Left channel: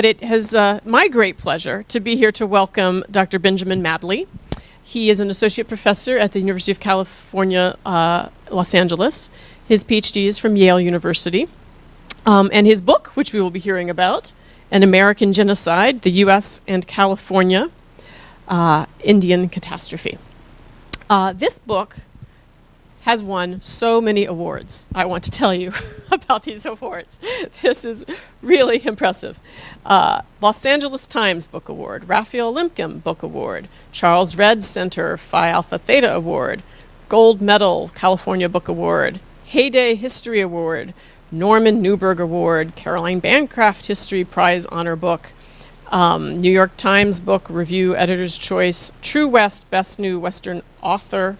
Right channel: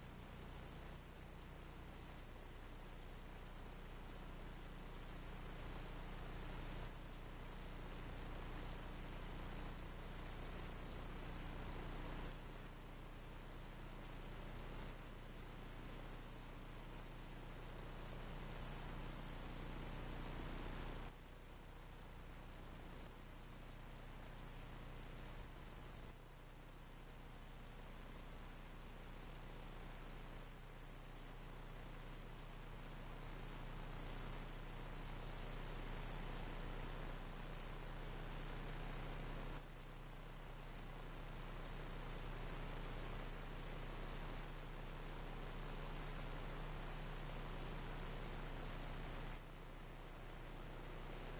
But it has my great pleasure to be here to welcome Dr. Benjamin Madley. He is an associate professor at the University of California, Los Angeles. His PhD is from Yale University. And his book, which we will be hearing about, An American Genocide, the U.S. and California Indian Catastrophe. This book has won so many awards. I want to tell you about these awards. This is really impressive. Los Angeles Times Book Award, Raphael Lemkin Book Award, Charles Redd Center Phi Alpha Theta Award, Gold Medal California Book Award, Heyday History Award, Norman Newberg Award, Caroline Bancroft History Prize Honor Book, New York Times Book Review Editor's Choice, True West Best New Western Author,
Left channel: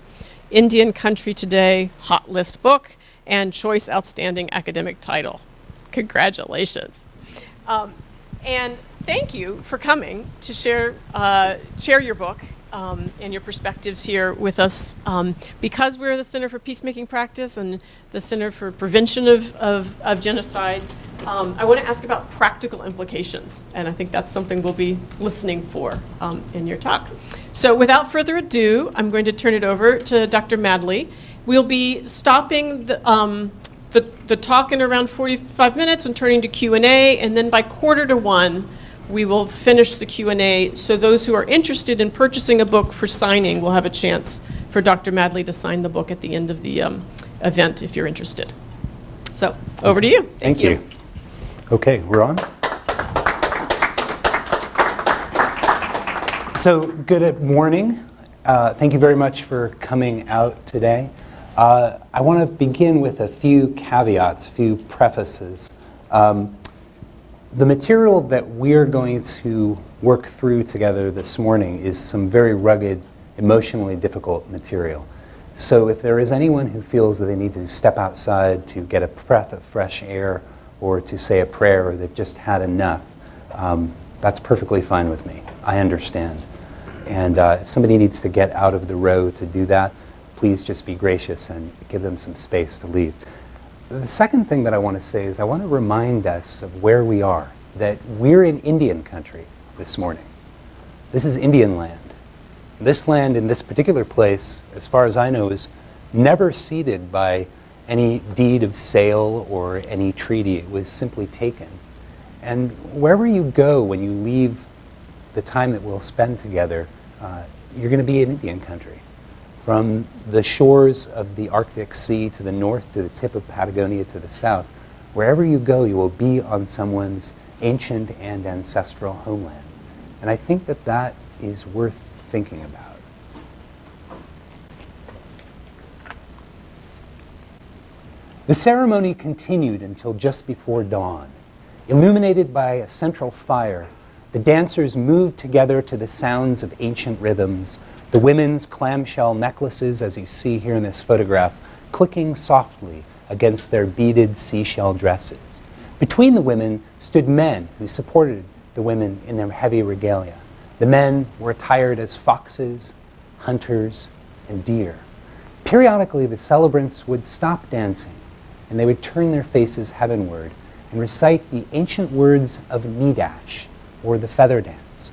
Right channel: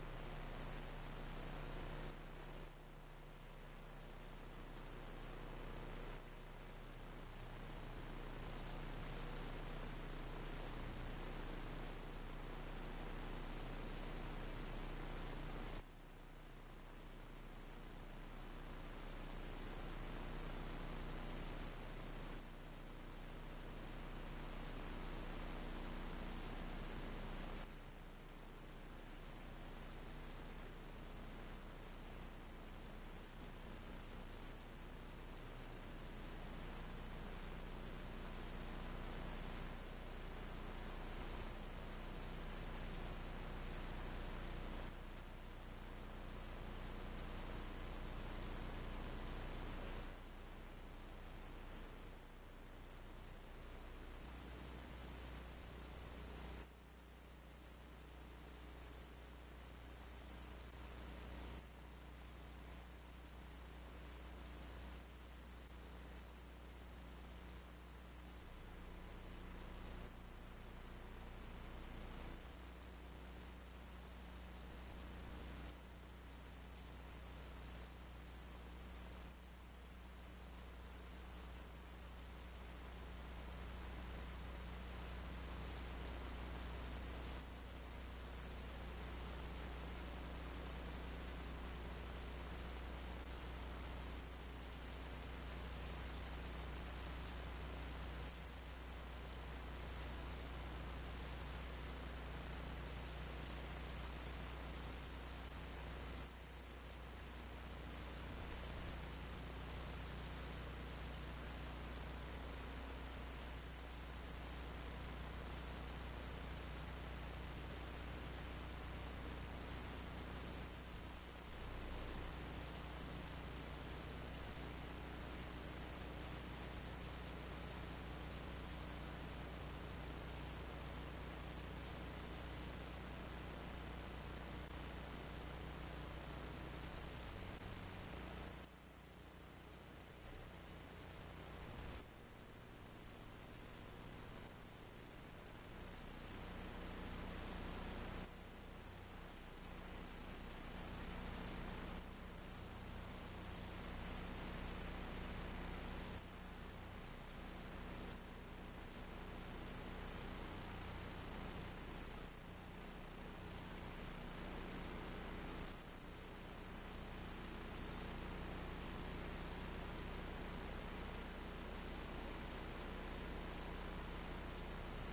Indian Country Today Hot List Book, and Choice Outstanding Academic Title. Congratulations. And thank you for coming to share your book and your perspectives here with us. Because we're the Center for Peacemaking Practice and the Center for Prevention of Genocide, I want to ask about practical implications, and I think that's something we'll be listening for in your talk. So without further ado, I'm going to turn it over to Dr. Madley. We'll be stopping the talk in around 45 minutes and turning to Q&A, and then by 12:45, we will finish the Q&A, so those who are interested in purchasing a book for signing will have a chance for Dr. Madley to sign the book at the end of the event if you're interested. So over to you. Thank you. Okay, we're on. So good morning. Thank you very much for coming out today. I want to begin with a few caveats, a few prefaces. The material that we're going to work through together this morning is some very rugged, emotionally difficult material. So if there is anyone who feels that they need to step outside to get a breath of fresh air or to say a prayer or they've just had enough, that's perfectly fine with me. I understand. And if somebody needs to get out of the row to do that, please just be gracious and give them some space to leave. The second thing that I want to say is I want to remind us of where we are, that we're in Indian country this morning. This is Indian land. This land in this particular place, as far as I know, is never ceded by any deed of sale or any treaty. It was simply taken. And wherever you go when you leave the time that we'll spend together, you're going to be in Indian country. From the shores of the Arctic Sea to the north to the tip of Patagonia to the south, wherever you go, you will be on someone's ancient and ancestral homeland. And I think that that is worth thinking about. The ceremony continued until just before dawn. Illuminated by a central fire, the dancers moved together to the sounds of ancient rhythms, the women's clamshell necklaces, as you see here in this photograph, clicking softly against their beaded seashell dresses. Between the women stood men who supported the women in their heavy regalia. The men were attired as foxes, hunters, and deer. Periodically, the celebrants would stop dancing, and they would turn their faces heavenward and recite the ancient words of Nidash, or the feather dance,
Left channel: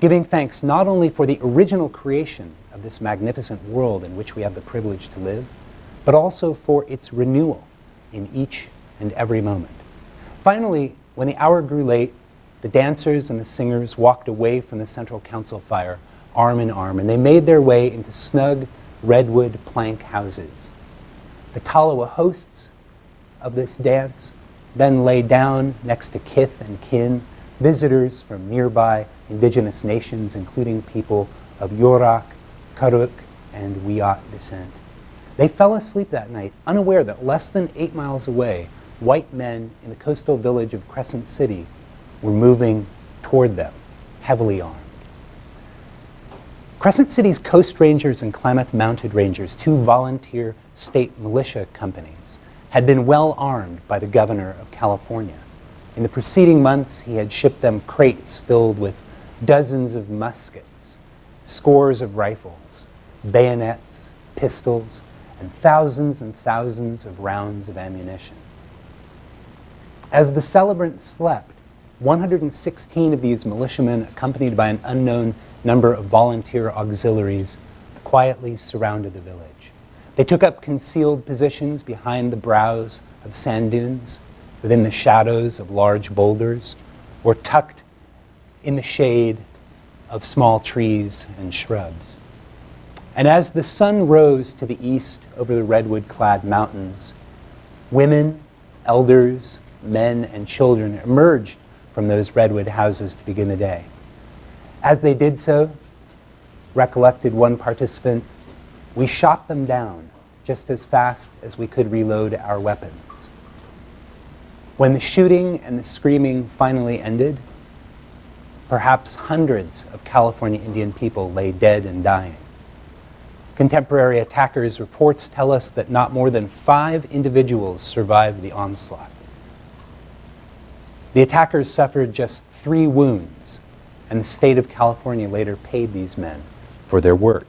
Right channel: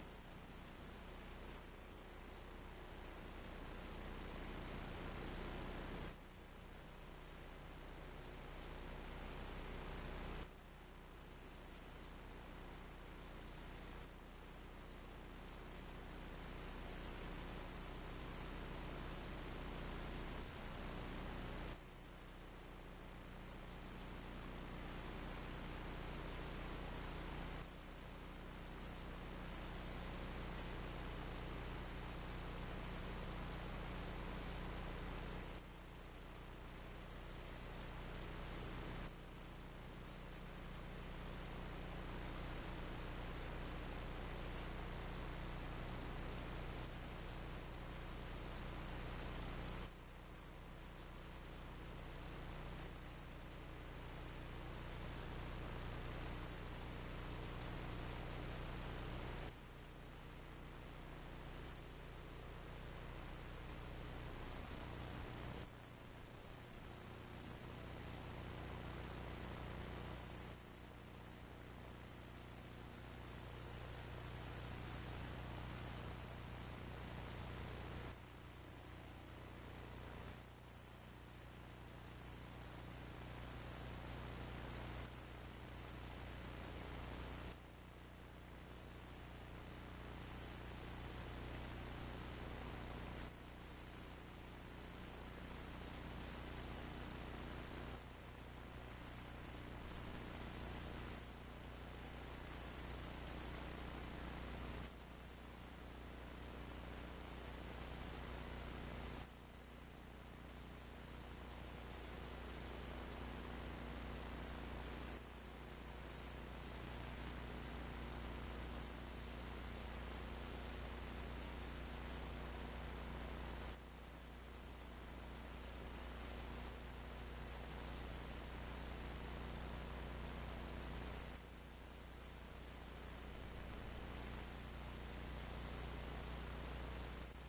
giving thanks not only for the original creation of this magnificent world in which we have the privilege to live, but also for its renewal in each and every moment. Finally, when the hour grew late, the dancers and the singers walked away from the central council fire, arm in arm, and they made their way into snug redwood plank houses. The Talawa hosts of this dance then lay down next to kith and kin, visitors from nearby indigenous nations, including people of Yurok, Karuk, and Wiyot descent. They fell asleep that night, unaware that less than 8 miles away, white men in the coastal village of Crescent City were moving toward them, heavily armed. Crescent City's Coast Rangers and Klamath Mounted Rangers, two volunteer state militia companies, had been well armed by the governor of California. In the preceding months, he had shipped them crates filled with dozens of muskets, scores of rifles, bayonets, pistols, and thousands of rounds of ammunition. As the celebrants slept, 116 of these militiamen, accompanied by an unknown number of volunteer auxiliaries, quietly surrounded the village. They took up concealed positions behind the brows of sand dunes, within the shadows of large boulders, or tucked in the shade of small trees and shrubs. And as the sun rose to the east over the redwood-clad mountains, women, elders, men, and children emerged from those redwood houses to begin the day. As they did so, recollected one participant, we shot them down just as fast as we could reload our weapons. When the shooting and the screaming finally ended, perhaps hundreds of California Indian people lay dead and dying. Contemporary attackers' reports tell us that not more than 5 individuals survived the onslaught. The attackers suffered just 3 wounds, and the state of California later paid these men for their work.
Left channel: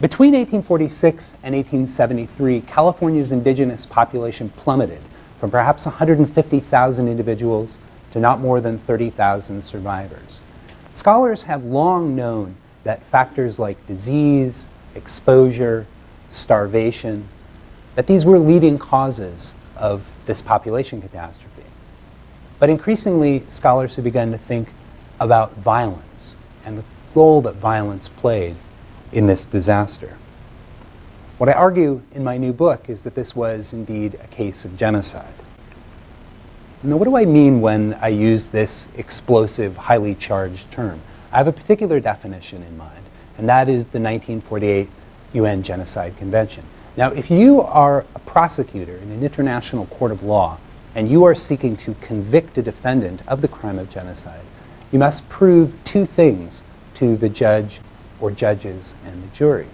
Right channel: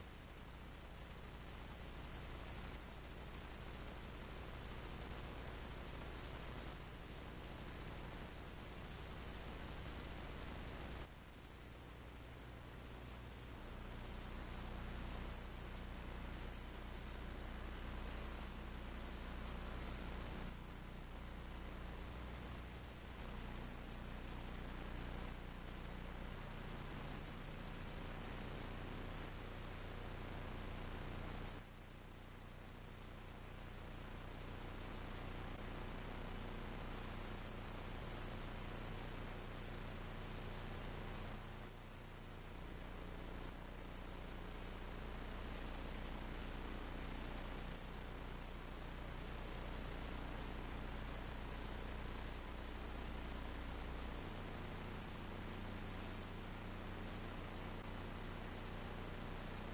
Between 1846 and 1873, California's indigenous population plummeted from perhaps 150,000 individuals to not more than 30,000 survivors. Scholars have long known that factors like disease, exposure, starvation, that these were leading causes of this population catastrophe. But increasingly, scholars have begun to think about violence and the role that violence played in this disaster. What I argue in my new book is that this was indeed a case of genocide. Now, what do I mean when I use this explosive, highly charged term? I have a particular definition in mind, and that is the 1948 UN Genocide Convention. Now, if you are a prosecutor in an international court of law and you are seeking to convict a defendant of the crime of genocide, you must prove 2 things to the judge or judges and the jury.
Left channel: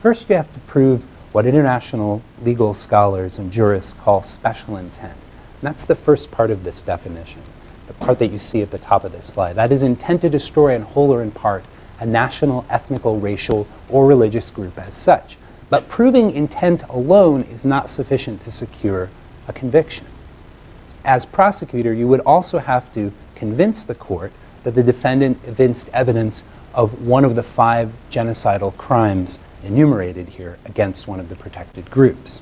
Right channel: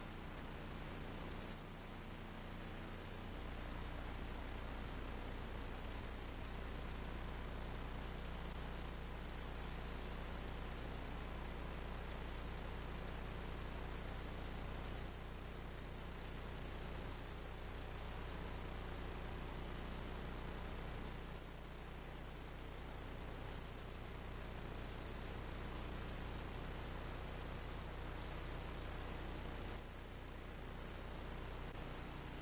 First, you have to prove what international legal scholars and jurists call special intent. And that's the first part of this definition, the part that you see at the top of this slide. That is intent to destroy in whole or in part a national, ethnical, racial, or religious group as such. But proving intent alone is not sufficient to secure a conviction. As prosecutor, you would also have to convince the court that the defendant evinced evidence of one of the 5 genocidal crimes enumerated here against one of the protected groups.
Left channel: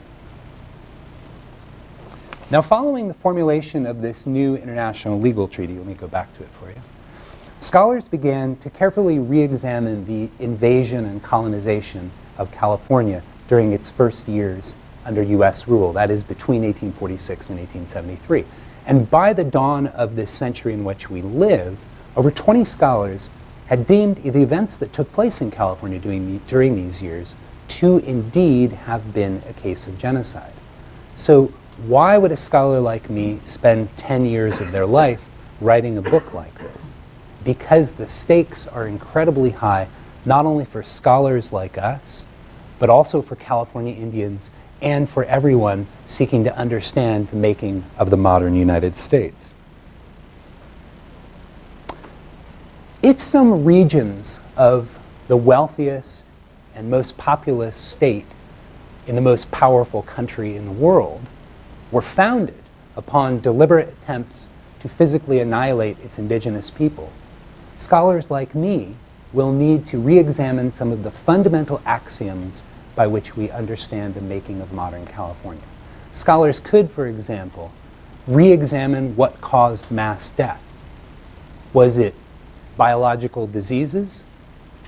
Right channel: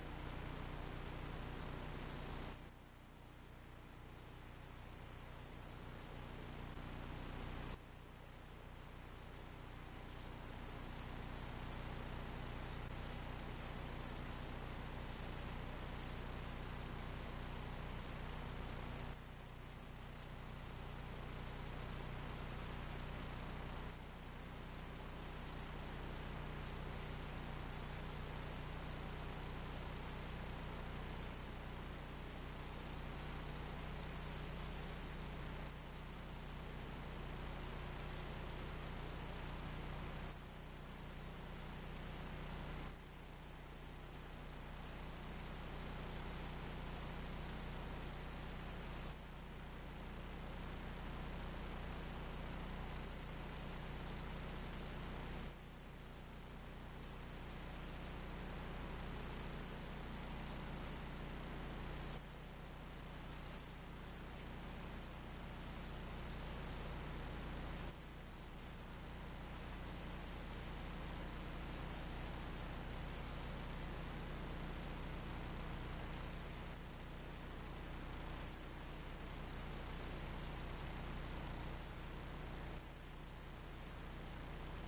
Now, following the formulation of this new international legal treaty, let me go back to it for you, scholars began to carefully re-examine the invasion and colonization of California during its first years under U.S. rule, that is between 1846 and 1873. And by the dawn of this century in which we live, over 20 scholars had deemed the events that took place in California during these years to indeed have been a case of genocide. So why would a scholar like me spend 10 years of their life writing a book like this? Because the stakes are incredibly high, not only for scholars like us, but also for California Indians and for everyone seeking to understand the making of the modern United States. If some regions of the wealthiest and most populous state in the most powerful country in the world were founded upon deliberate attempts to physically annihilate its indigenous people, scholars like me will need to re-examine some of the fundamental axioms by which we understand the making of modern California. Scholars could, for example, re-examine what caused mass death. Was it biological diseases,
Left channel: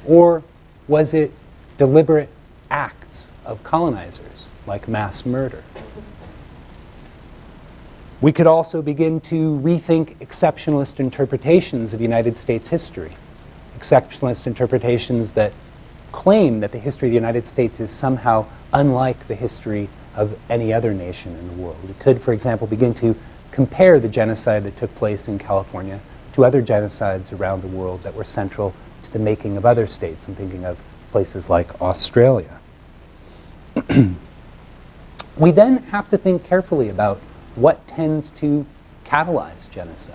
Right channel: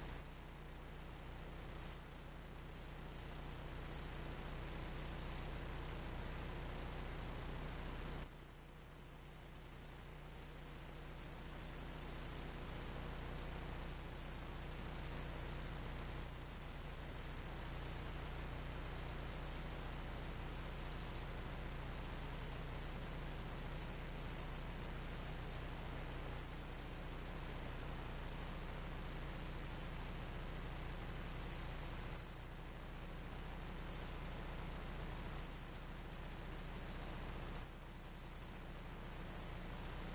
or was it deliberate acts of colonizers, like mass murder? We could also begin to rethink exceptionalist interpretations of United States history, exceptionalist interpretations that claim that the history of the United States is somehow unlike the history of any other nation in the world. We could, for example, begin to compare the genocide that took place in California to other genocides around the world that were central to the making of other states. I'm thinking of places like Australia. We then have to think carefully about what tends to catalyze genocide.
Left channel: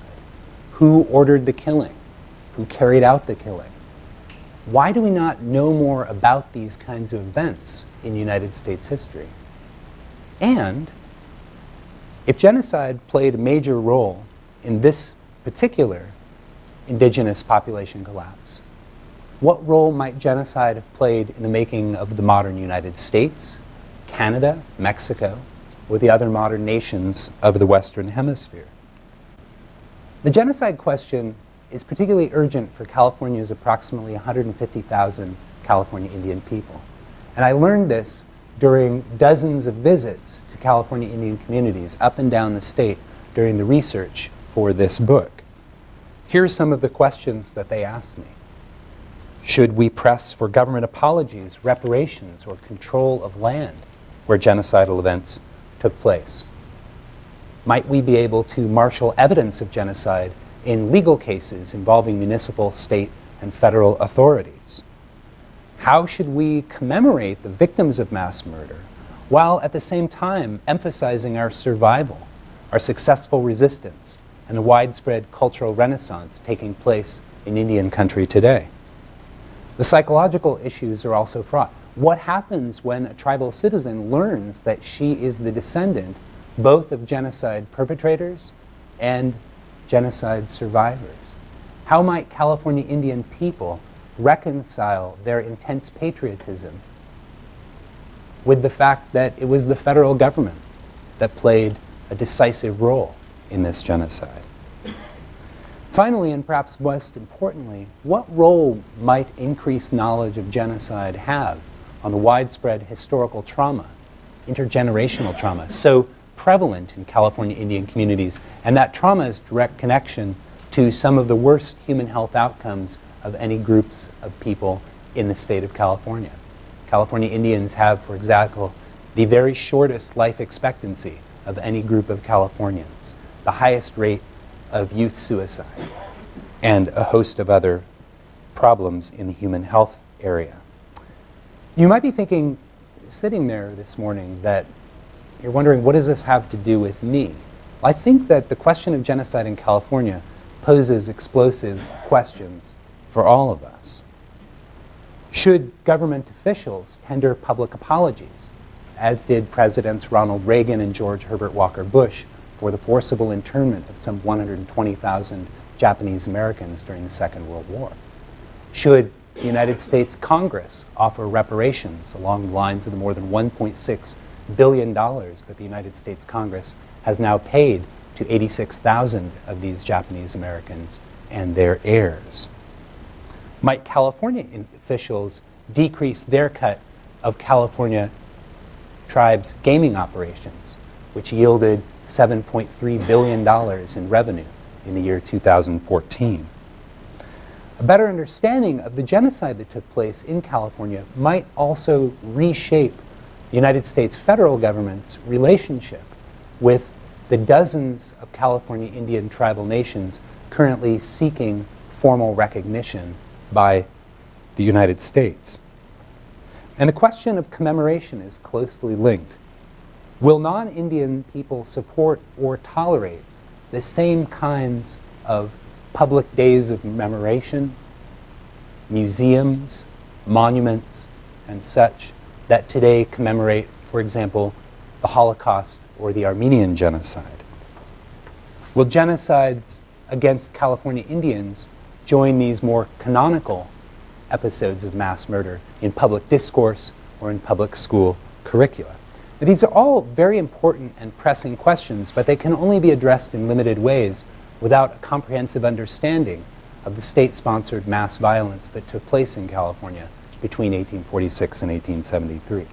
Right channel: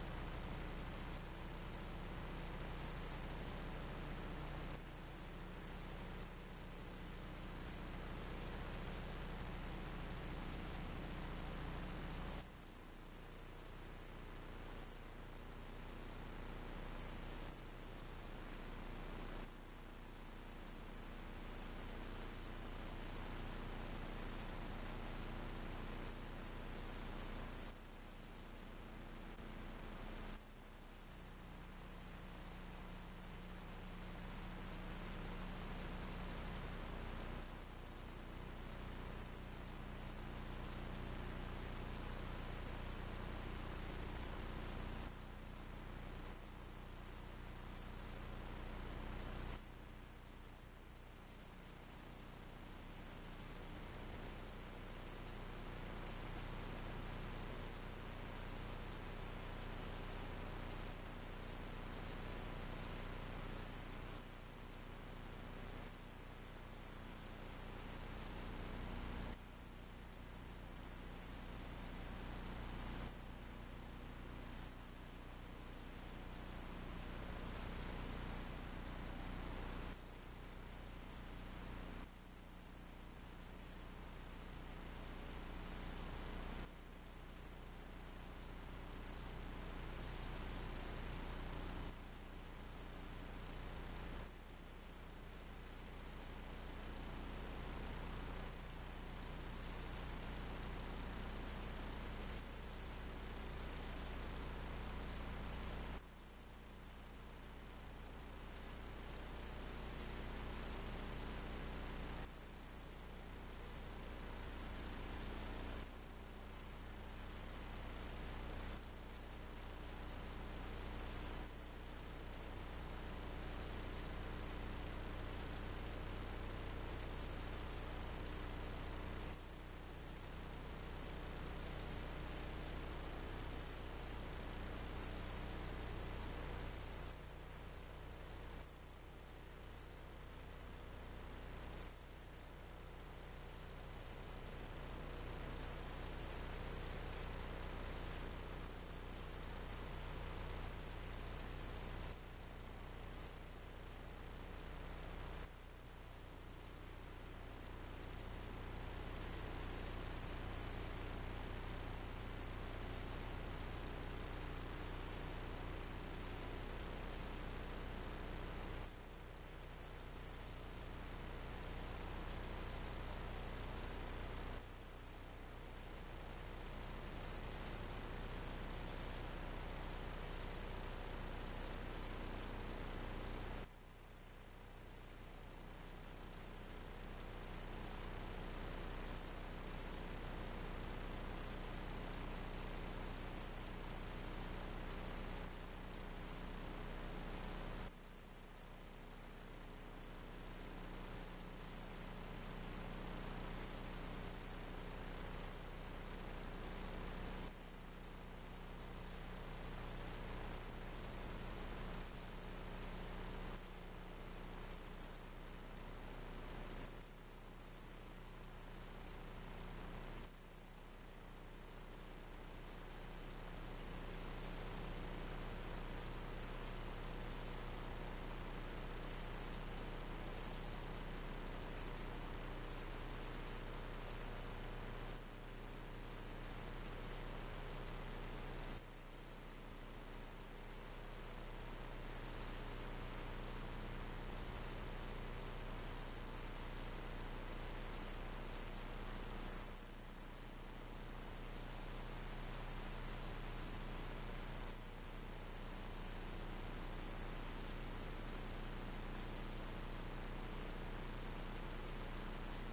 Who ordered the killing? Who carried out the killing? Why do we not know more about these kinds of events in United States history? And if genocide played a major role in this particular indigenous population collapse? What role might genocide have played in the making of the modern United States, Canada, Mexico, or the other modern nations of the Western Hemisphere? The genocide question is particularly urgent for California's approximately 150,000 California Indian people. And I learned this during dozens of visits to California Indian communities up and down the state during the research for this book. Here are some of the questions that they asked me. Should we press for government apologies, reparations, or control of land where genocidal events took place? Might we be able to marshal evidence of genocide in legal cases involving municipal, state, and federal authorities? How should we commemorate the victims of mass murder while at the same time emphasizing our survival, our successful resistance, and the widespread cultural renaissance taking place in Indian country today? The psychological issues are also fraught. What happens when a tribal citizen learns that she is the descendant both of genocide perpetrators and genocide survivors? How might California Indian people reconcile their intense patriotism with the fact that it was the federal government that played a decisive role in this genocide? Finally, and perhaps most importantly, what role might increased knowledge of genocide have on the widespread historical trauma, intergenerational trauma, so prevalent in California Indian communities, and that trauma's direct connection to some of the worst human health outcomes of any groups of people in the state of California? California Indians have, for example, the very shortest life expectancy of any group of Californians, the highest rate of youth suicide, and a host of other problems in the human health area. You might be thinking, sitting there this morning, that you're wondering, what does this have to do with me? I think that the question of genocide in California poses explosive questions for all of us. Should government officials tender public apologies, as did Presidents Ronald Reagan and George Herbert Walker Bush, for the forcible internment of some 120,000 Japanese Americans during the Second World War? Should the United States Congress offer reparations along the lines of the more than $1.6 billion that the United States Congress has now paid to 86,000 of these Japanese Americans and their heirs? Might California officials decrease their cut of California tribes' gaming operations, which yielded $7.3 billion in revenue in the year 2014. A better understanding of the genocide that took place in California might also reshape the United States federal government's relationship with the dozens of California Indian tribal nations currently seeking formal recognition by the United States. And the question of commemoration is closely linked. Will non-Indian people support or tolerate the same kinds of public days of commemoration, museums, monuments, and such that today commemorate, for example, the Holocaust or the Armenian genocide? Will genocides against California Indians join these more canonical episodes of mass murder in public discourse or in public school curricula? Now, these are all very important and pressing questions, but they can only be addressed in limited ways without a comprehensive understanding of the state-sponsored mass violence that took place in California between 1846 and 1873.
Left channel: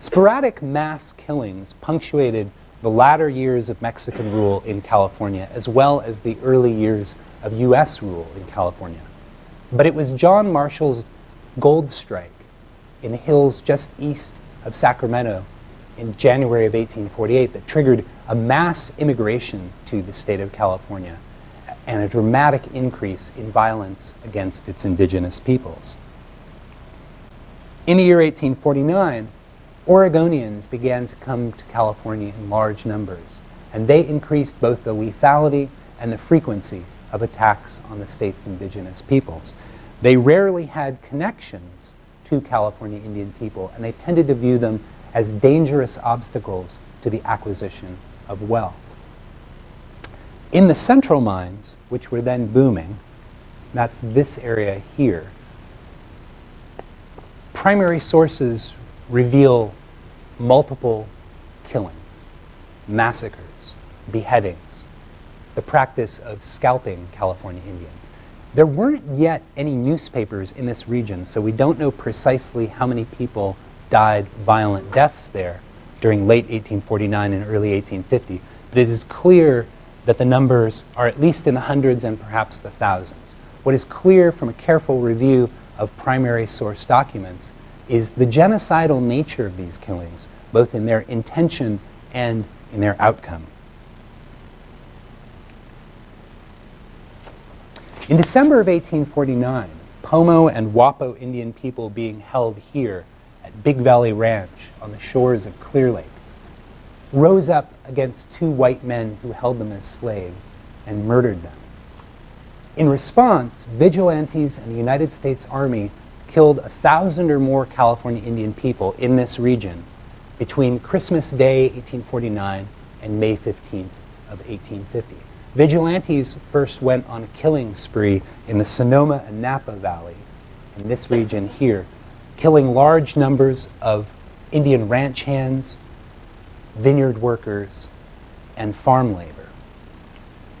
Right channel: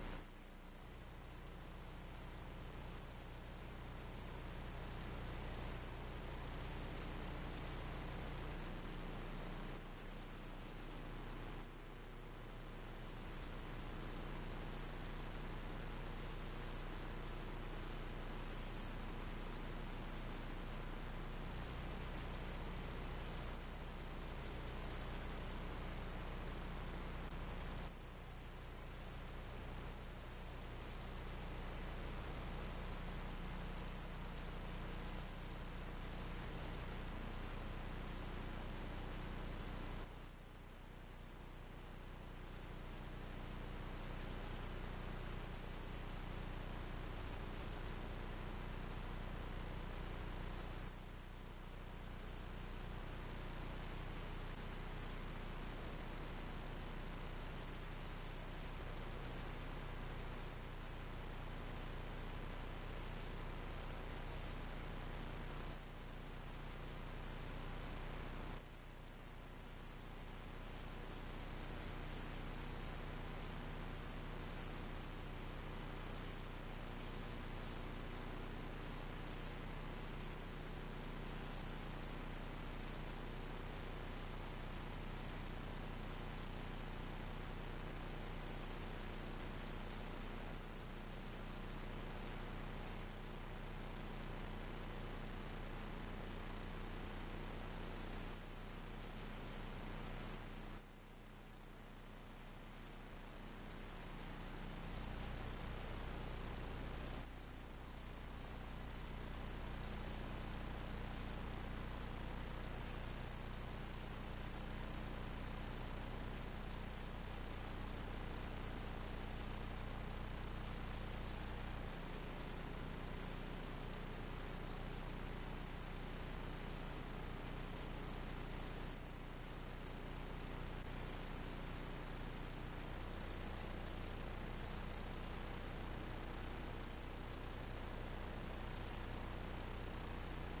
Sporadic mass killings punctuated the latter years of Mexican rule in California, as well as the early years of U.S. rule in California. But it was John Marshall's gold strike in the hills just east of Sacramento in January of 1848 that triggered a mass immigration to the state of California and a dramatic increase in violence against its indigenous peoples. In the year 1849, Oregonians began to come to California in large numbers, and they increased both the lethality and the frequency of attacks on the state's indigenous peoples. They rarely had connections to California Indian people, and they tended to view them as dangerous obstacles to the acquisition of wealth. In the central mines, which were then booming, that's this area here, primary sources reveal multiple killings, massacres, beheadings, the practice of scalping California Indians. There weren't yet any newspapers in this region, so we don't know precisely how many people died violent deaths there during late 1849 and early 1850, but it is clear that the numbers are at least in the hundreds and perhaps the thousands. What is clear from a careful review of primary source documents is the genocidal nature of these killings, both in their intention and in their outcome. In December of 1849, Pomo and Wapo Indian people being held here at Big Valley Ranch on the shores of Clear Lake rose up against two white men who held them as slaves and murdered them. In response, vigilantes and the United States Army killed 1,000 or more California Indian people in this region between Christmas Day, 1849, and May 15th of 1850. Vigilantes first went on a killing spree in the Sonoma and Napa valleys, in this region here, killing large numbers of Indian ranch hands, vineyard workers, and farm labor.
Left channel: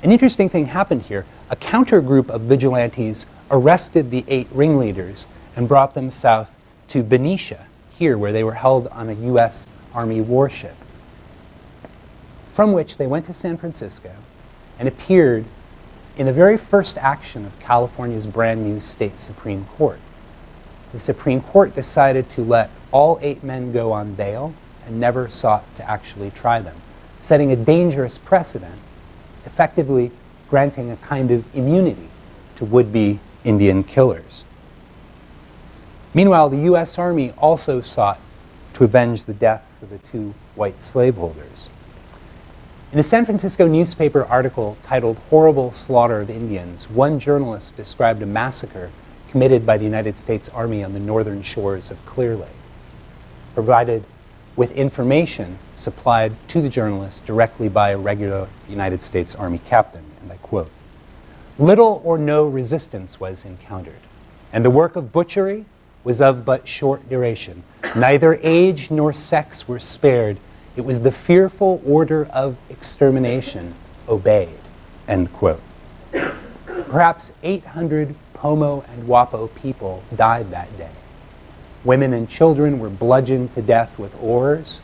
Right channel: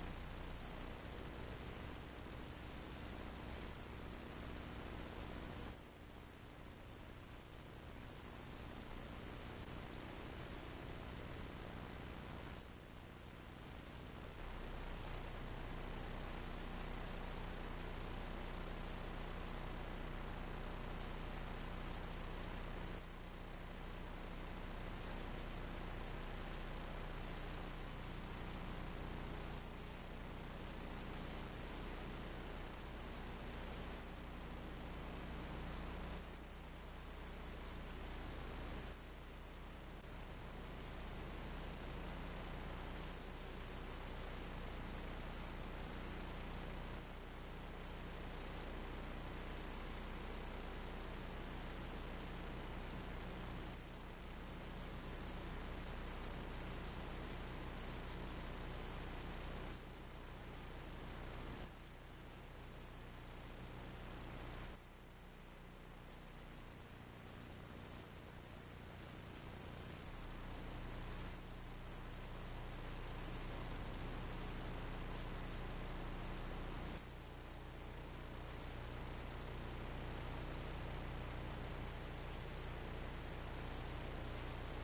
An interesting thing happened here. A counter group of vigilantes arrested the 8 ringleaders and brought them south to Benicia, here where they were held on a U.S. Army warship, from which they went to San Francisco and appeared in the very first action of California's brand new state Supreme Court. The Supreme Court decided to let all 8 men go on bail and never sought to actually try them, setting a dangerous precedent, effectively granting a kind of immunity to would-be Indian killers. Meanwhile, the U.S. Army also sought to avenge the deaths of the 2 white slaveholders. In a San Francisco newspaper article titled "Horrible Slaughter of Indians," one journalist described a massacre committed by the United States Army on the northern shores of Clear Lake, provided with information supplied to the journalist directly by a regular United States Army captain, and I quote, "Little or no resistance was encountered, and the work of butchery was of but short duration. Neither age nor sex were spared. It was the fearful order of extermination obeyed," end quote. Perhaps 800 Pomo and Wapo people died that day. Women and children were bludgeoned to death with oars,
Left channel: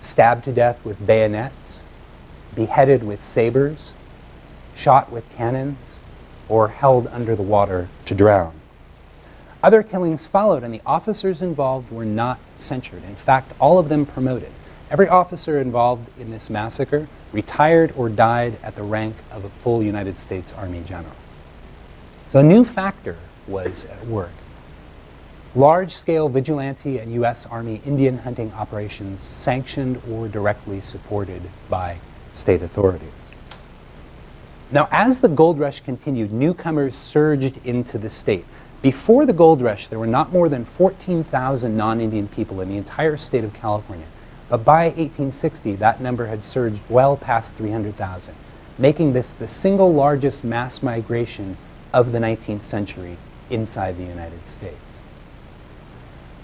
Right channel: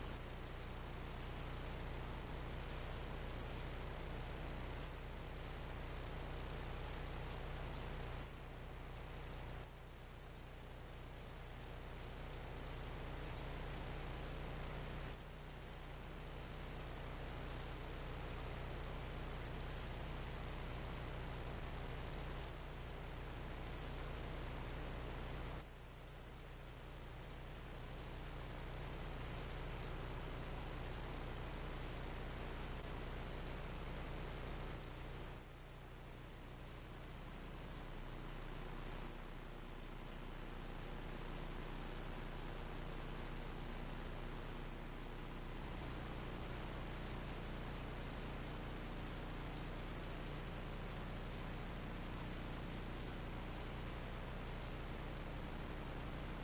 stabbed to death with bayonets, beheaded with sabers, shot with cannons, or held under the water to drown. Other killings followed, and the officers involved were not censured. In fact, all of them promoted. Every officer involved in this massacre retired or died at the rank of a full United States Army general. So a new factor was at work. Large-scale vigilante and U.S. Army Indian hunting operations sanctioned or directly supported by state authorities. Now, as the gold rush continued, newcomers surged into the state. Before the gold rush, there were not more than 14,000 non-Indian people in the entire state of California. But by 1860, that number had surged well past 300,000, making this the single largest mass migration of the 19th century inside the United States.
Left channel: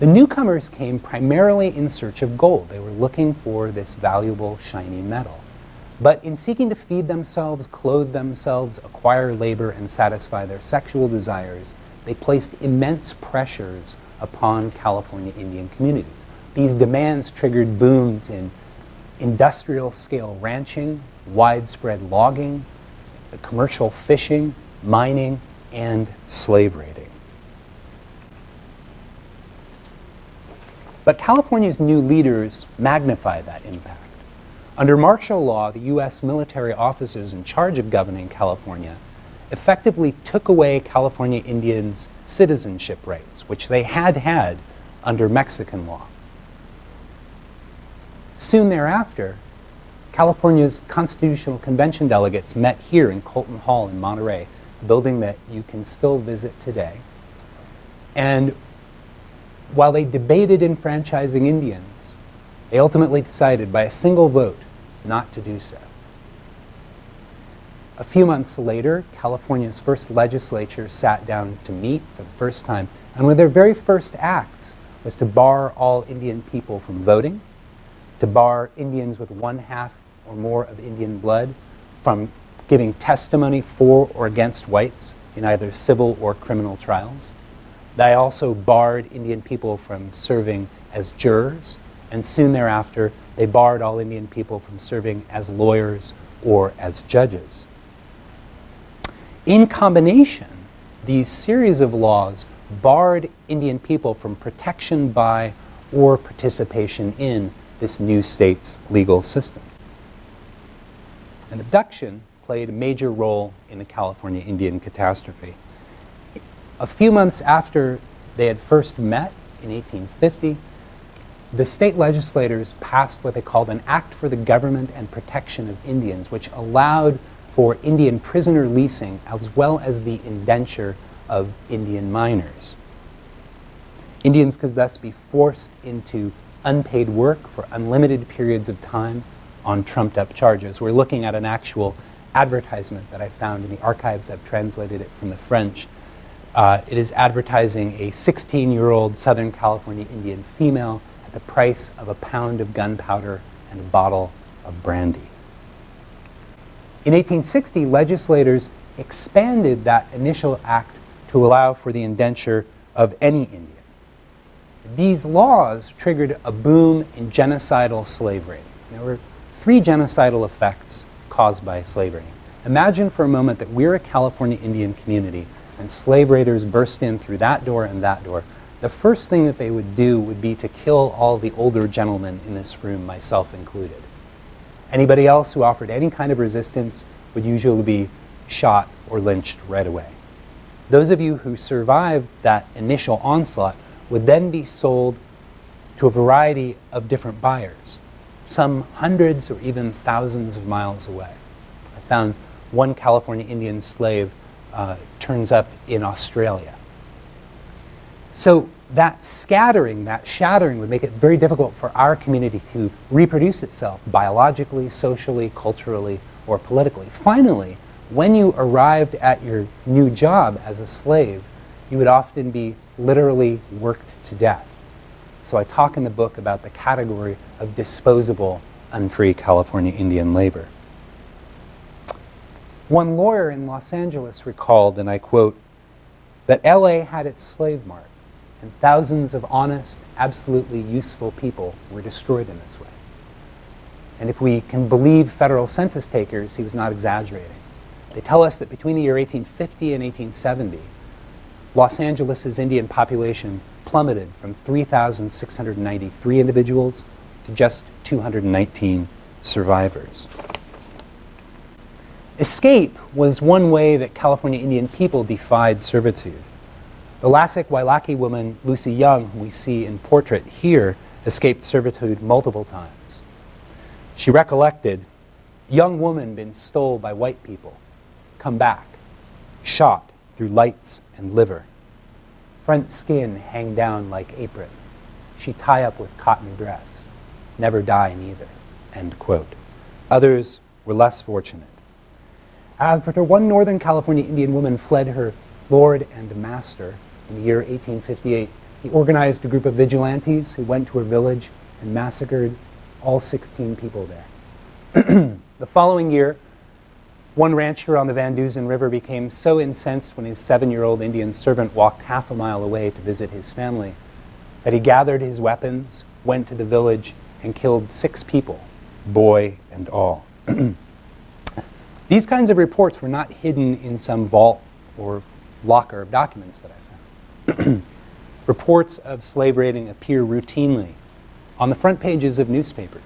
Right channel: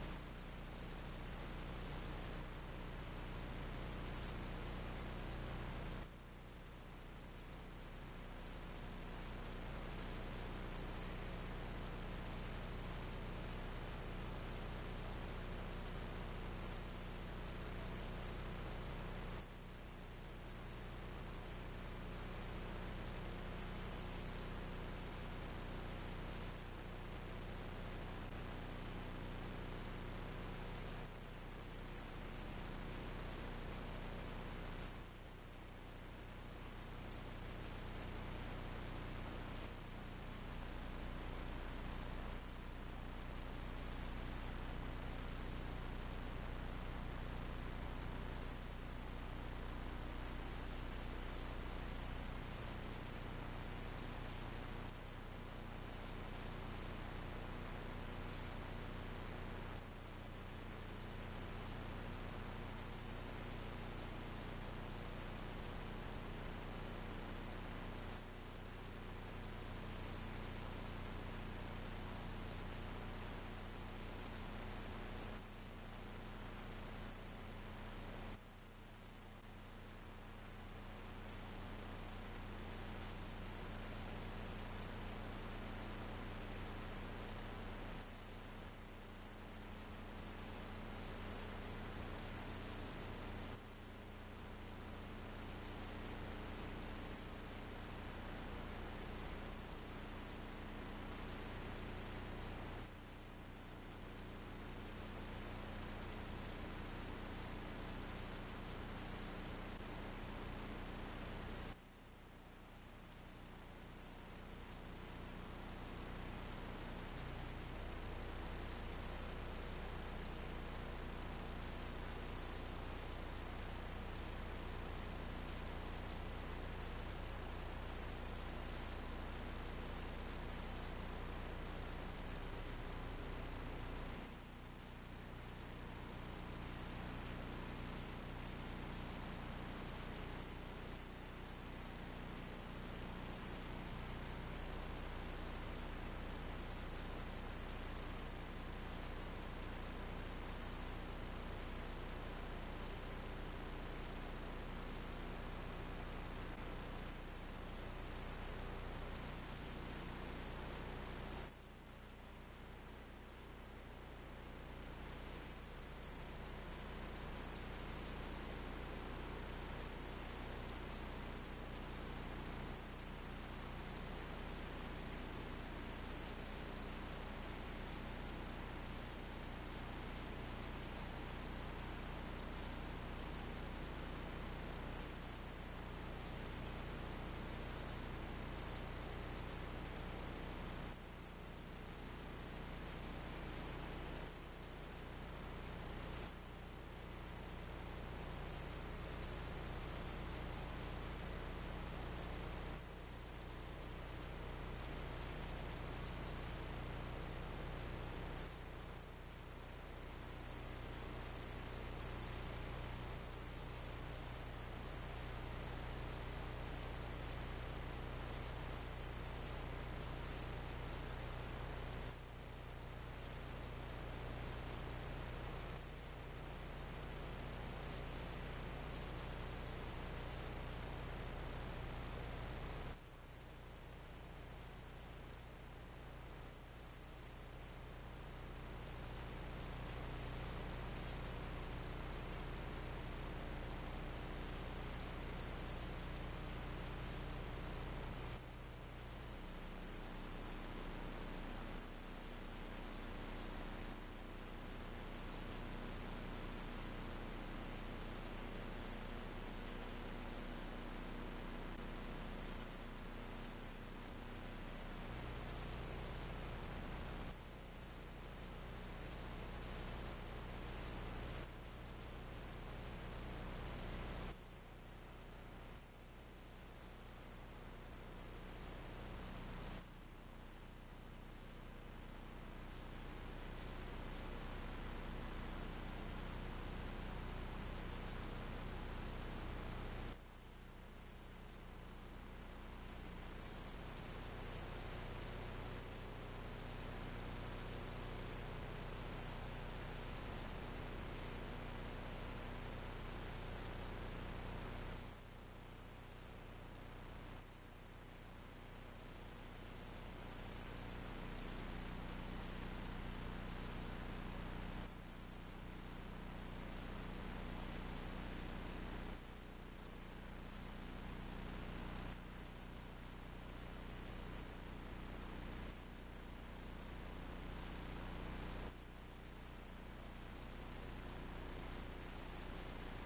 The newcomers came primarily in search of gold. They were looking for this valuable, shiny metal. But in seeking to feed themselves, clothe themselves, acquire labor, and satisfy their sexual desires, they placed immense pressures upon California Indian communities. These demands triggered booms in industrial-scale ranching, widespread logging, commercial fishing, mining, and slave raiding. But California's new leaders magnified that impact. Under martial law, the U.S. military officers in charge of governing California effectively took away California Indians' citizenship rights, which they had had under Mexican law. Soon thereafter, California's Constitutional Convention delegates met here in Colton Hall in Monterey, a building that you can still visit today. And while they debated enfranchising Indians, they ultimately decided by a single vote not to do so. A few months later, California's first legislature sat down to meet for the first time, and one of their very first acts was to bar all Indian people from voting, to bar Indians with 1/2 or more of Indian blood from giving testimony for or against whites in either civil or criminal trials. They also barred Indian people from serving as jurors, and soon thereafter, they barred all Indian people from serving as lawyers or as judges. In combination, these series of laws barred Indian people from protection by or participation in this new state's legal system. And abduction played a major role in the California Indian Catastrophe. A few months after they had first met in 1850, the state legislators passed what they called an Act for the Government and Protection of Indians, which allowed for Indian prisoner leasing as well as the indenture of Indian miners. Indians could thus be forced into unpaid work for unlimited periods of time on trumped-up charges. We're looking at an actual advertisement that I found in the archives. I've translated it from the French. It is advertising a 16-year-old Southern California Indian female at the price of a pound of gunpowder and a bottle of brandy. In 1860, legislators expanded that initial act to allow for the indenture of any Indian. These laws triggered a boom in genocidal slavery. There were 3 genocidal effects caused by slavery. Imagine for a moment that we're a California Indian community and slave raiders burst in through that door and that door. The first thing that they would do would be to kill all the older gentlemen in this room, myself included. Anybody else who offered any kind of resistance would usually be shot or lynched right away. Those of you who survived that initial onslaught would then be sold to a variety of different buyers, some hundreds or even thousands of miles away. I found one California Indian slave turns up in Australia. So that scattering, that shattering would make it very difficult for our community to reproduce itself biologically, socially, culturally, or politically. Finally, when you arrived at your new job as a slave, you would often be literally worked to death. So I talk in the book about the category of disposable, unfree California Indian labor. One lawyer in Los Angeles recalled, and I quote, that LA had its slave mart, and thousands of honest, absolutely useful people were destroyed in this way. And if we can believe federal census takers, he was not exaggerating. They tell us that between the year 1850 and 1870, Los Angeles' Indian population plummeted from 3,693 individuals to just 219 survivors. Escape was one way that California Indian people defied servitude. The Lasik Wailaki woman, Lucy Young, who we see in portrait here, escaped servitude multiple times. She recollected, young woman been stole by white people, come back, shot through lights and liver. Front skin hang down like apron. She tie up with cotton dress. Never die neither, end quote. Others were less fortunate. After one Northern California Indian woman fled her lord and master in the year 1858, he organized a group of vigilantes who went to her village and massacred all 16 people there. The following year, one rancher on the Van Duzen River became so incensed when his 7-year-old Indian servant walked half a mile away to visit his family that he gathered his weapons, went to the village, and killed 6 people, boy and all. These kinds of reports were not hidden in some vault or locker of documents that I found. Reports of slave raiding appear routinely on the front pages of newspapers,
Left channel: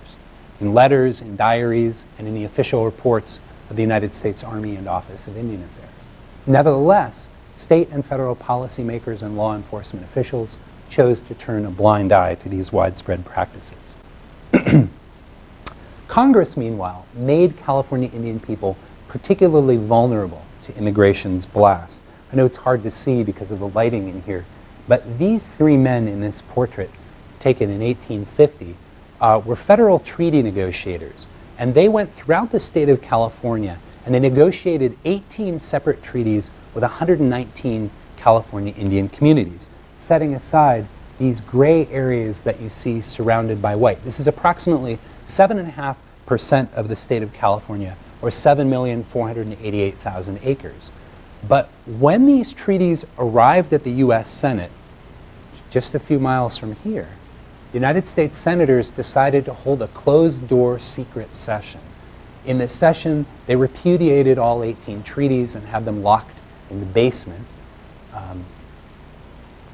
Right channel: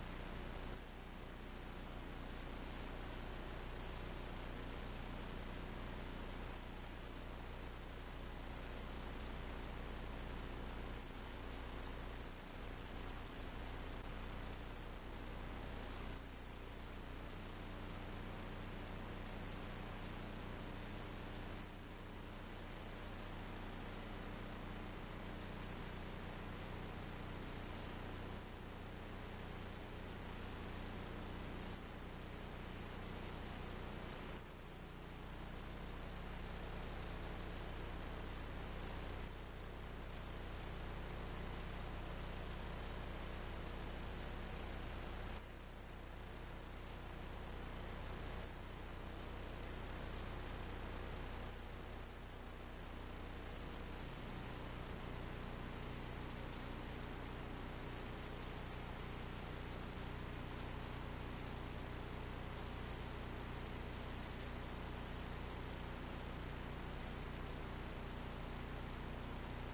in letters, in diaries, and in the official reports of the United States Army and Office of Indian Affairs. Nevertheless, state and federal policymakers and law enforcement officials chose to turn a blind eye to these widespread practices. Congress, meanwhile, made California Indian people particularly vulnerable to immigration's blast. I know it's hard to see because of the lighting in here, but these 3 men in this portrait, taken in 1850, were federal treaty negotiators, and they went throughout the state of California and they negotiated 18 separate treaties with 119 California Indian communities, setting aside these gray areas that you see surrounded by white. This is approximately 7.5% of the state of California, or 7,488,000 acres. But when these treaties arrived at the U.S. Senate, just a few miles from here, the United States senators decided to hold a closed-door secret session. In this session, they repudiated all 18 treaties and had them locked in the basement,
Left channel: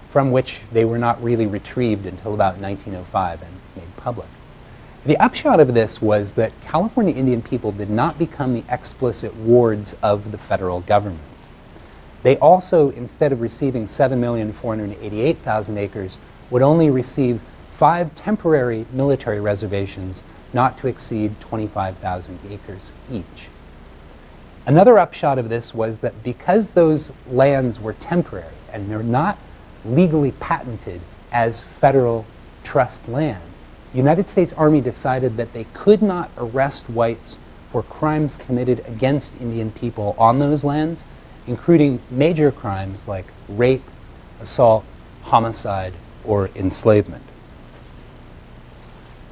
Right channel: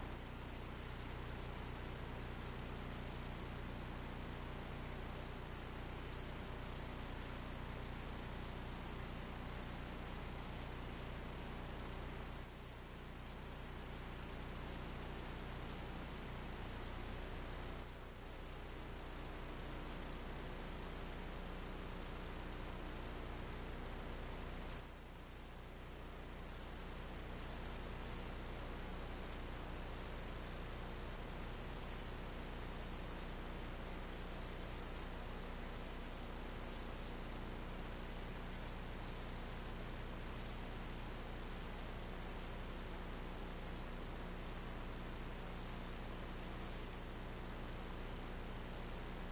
from which they were not really retrieved until about 1905 and made public. The upshot of this was that California Indian people did not become the explicit wards of the federal government. They also, instead of receiving 7,488,000 acres, would only receive 5 temporary military reservations not to exceed 25,000 acres each. Another upshot of this was that because those lands were temporary and they're not legally patented as federal trust land, the United States Army decided that they could not arrest whites for crimes committed against Indian people on those lands, including major crimes like rape, assault, homicide, or enslavement.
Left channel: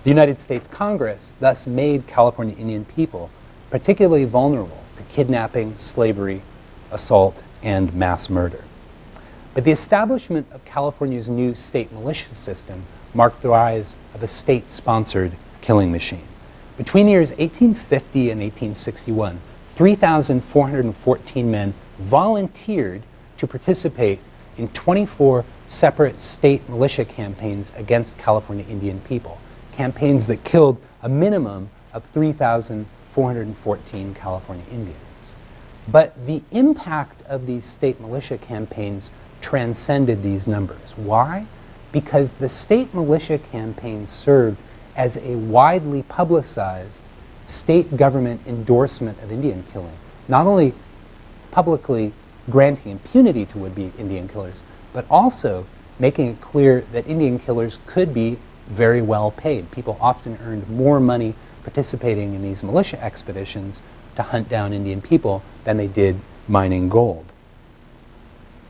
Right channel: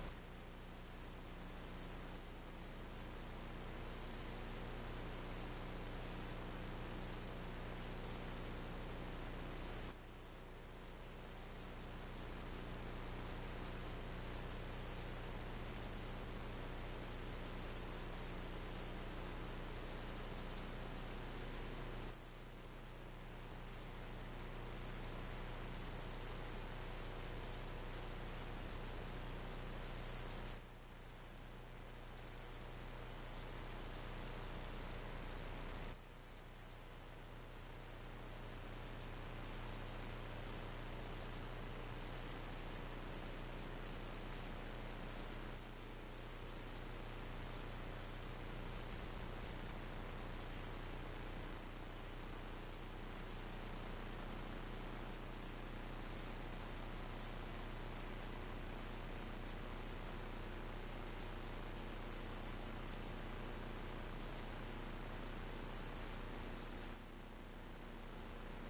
The United States Congress thus made California Indian people particularly vulnerable to kidnapping, slavery, assault, and mass murder. But the establishment of California's new state militia system marked the rise of a state-sponsored killing machine. Between the years 1850 and 1861, 3,414 men volunteered to participate in 24 separate state militia campaigns against California Indian people, campaigns that killed a minimum of 3,414 California Indians. But the impact of these state militia campaigns transcended these numbers. Why? Because the state militia campaigns served as a widely publicized state government endorsement of Indian killing, not only publicly granting impunity to would-be Indian killers, but also making it clear that Indian killers could be very well paid. People often earned more money participating in these militia expeditions to hunt down Indian people than they did mining gold.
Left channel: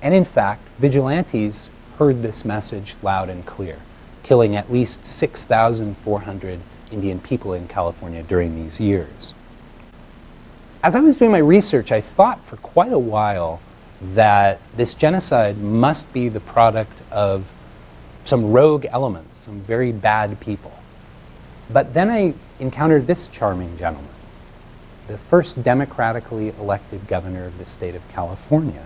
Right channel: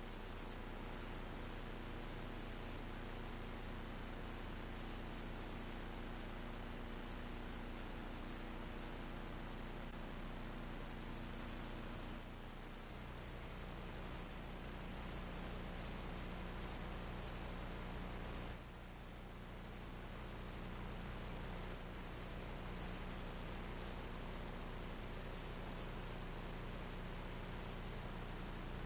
And in fact, vigilantes heard this message loud and clear, killing at least 6,400 Indian people in California during these years. As I was doing my research, I thought for quite a while that this genocide must be the product of some rogue elements, some very bad people. But then I encountered this charming gentleman, the first democratically elected governor of the state of California.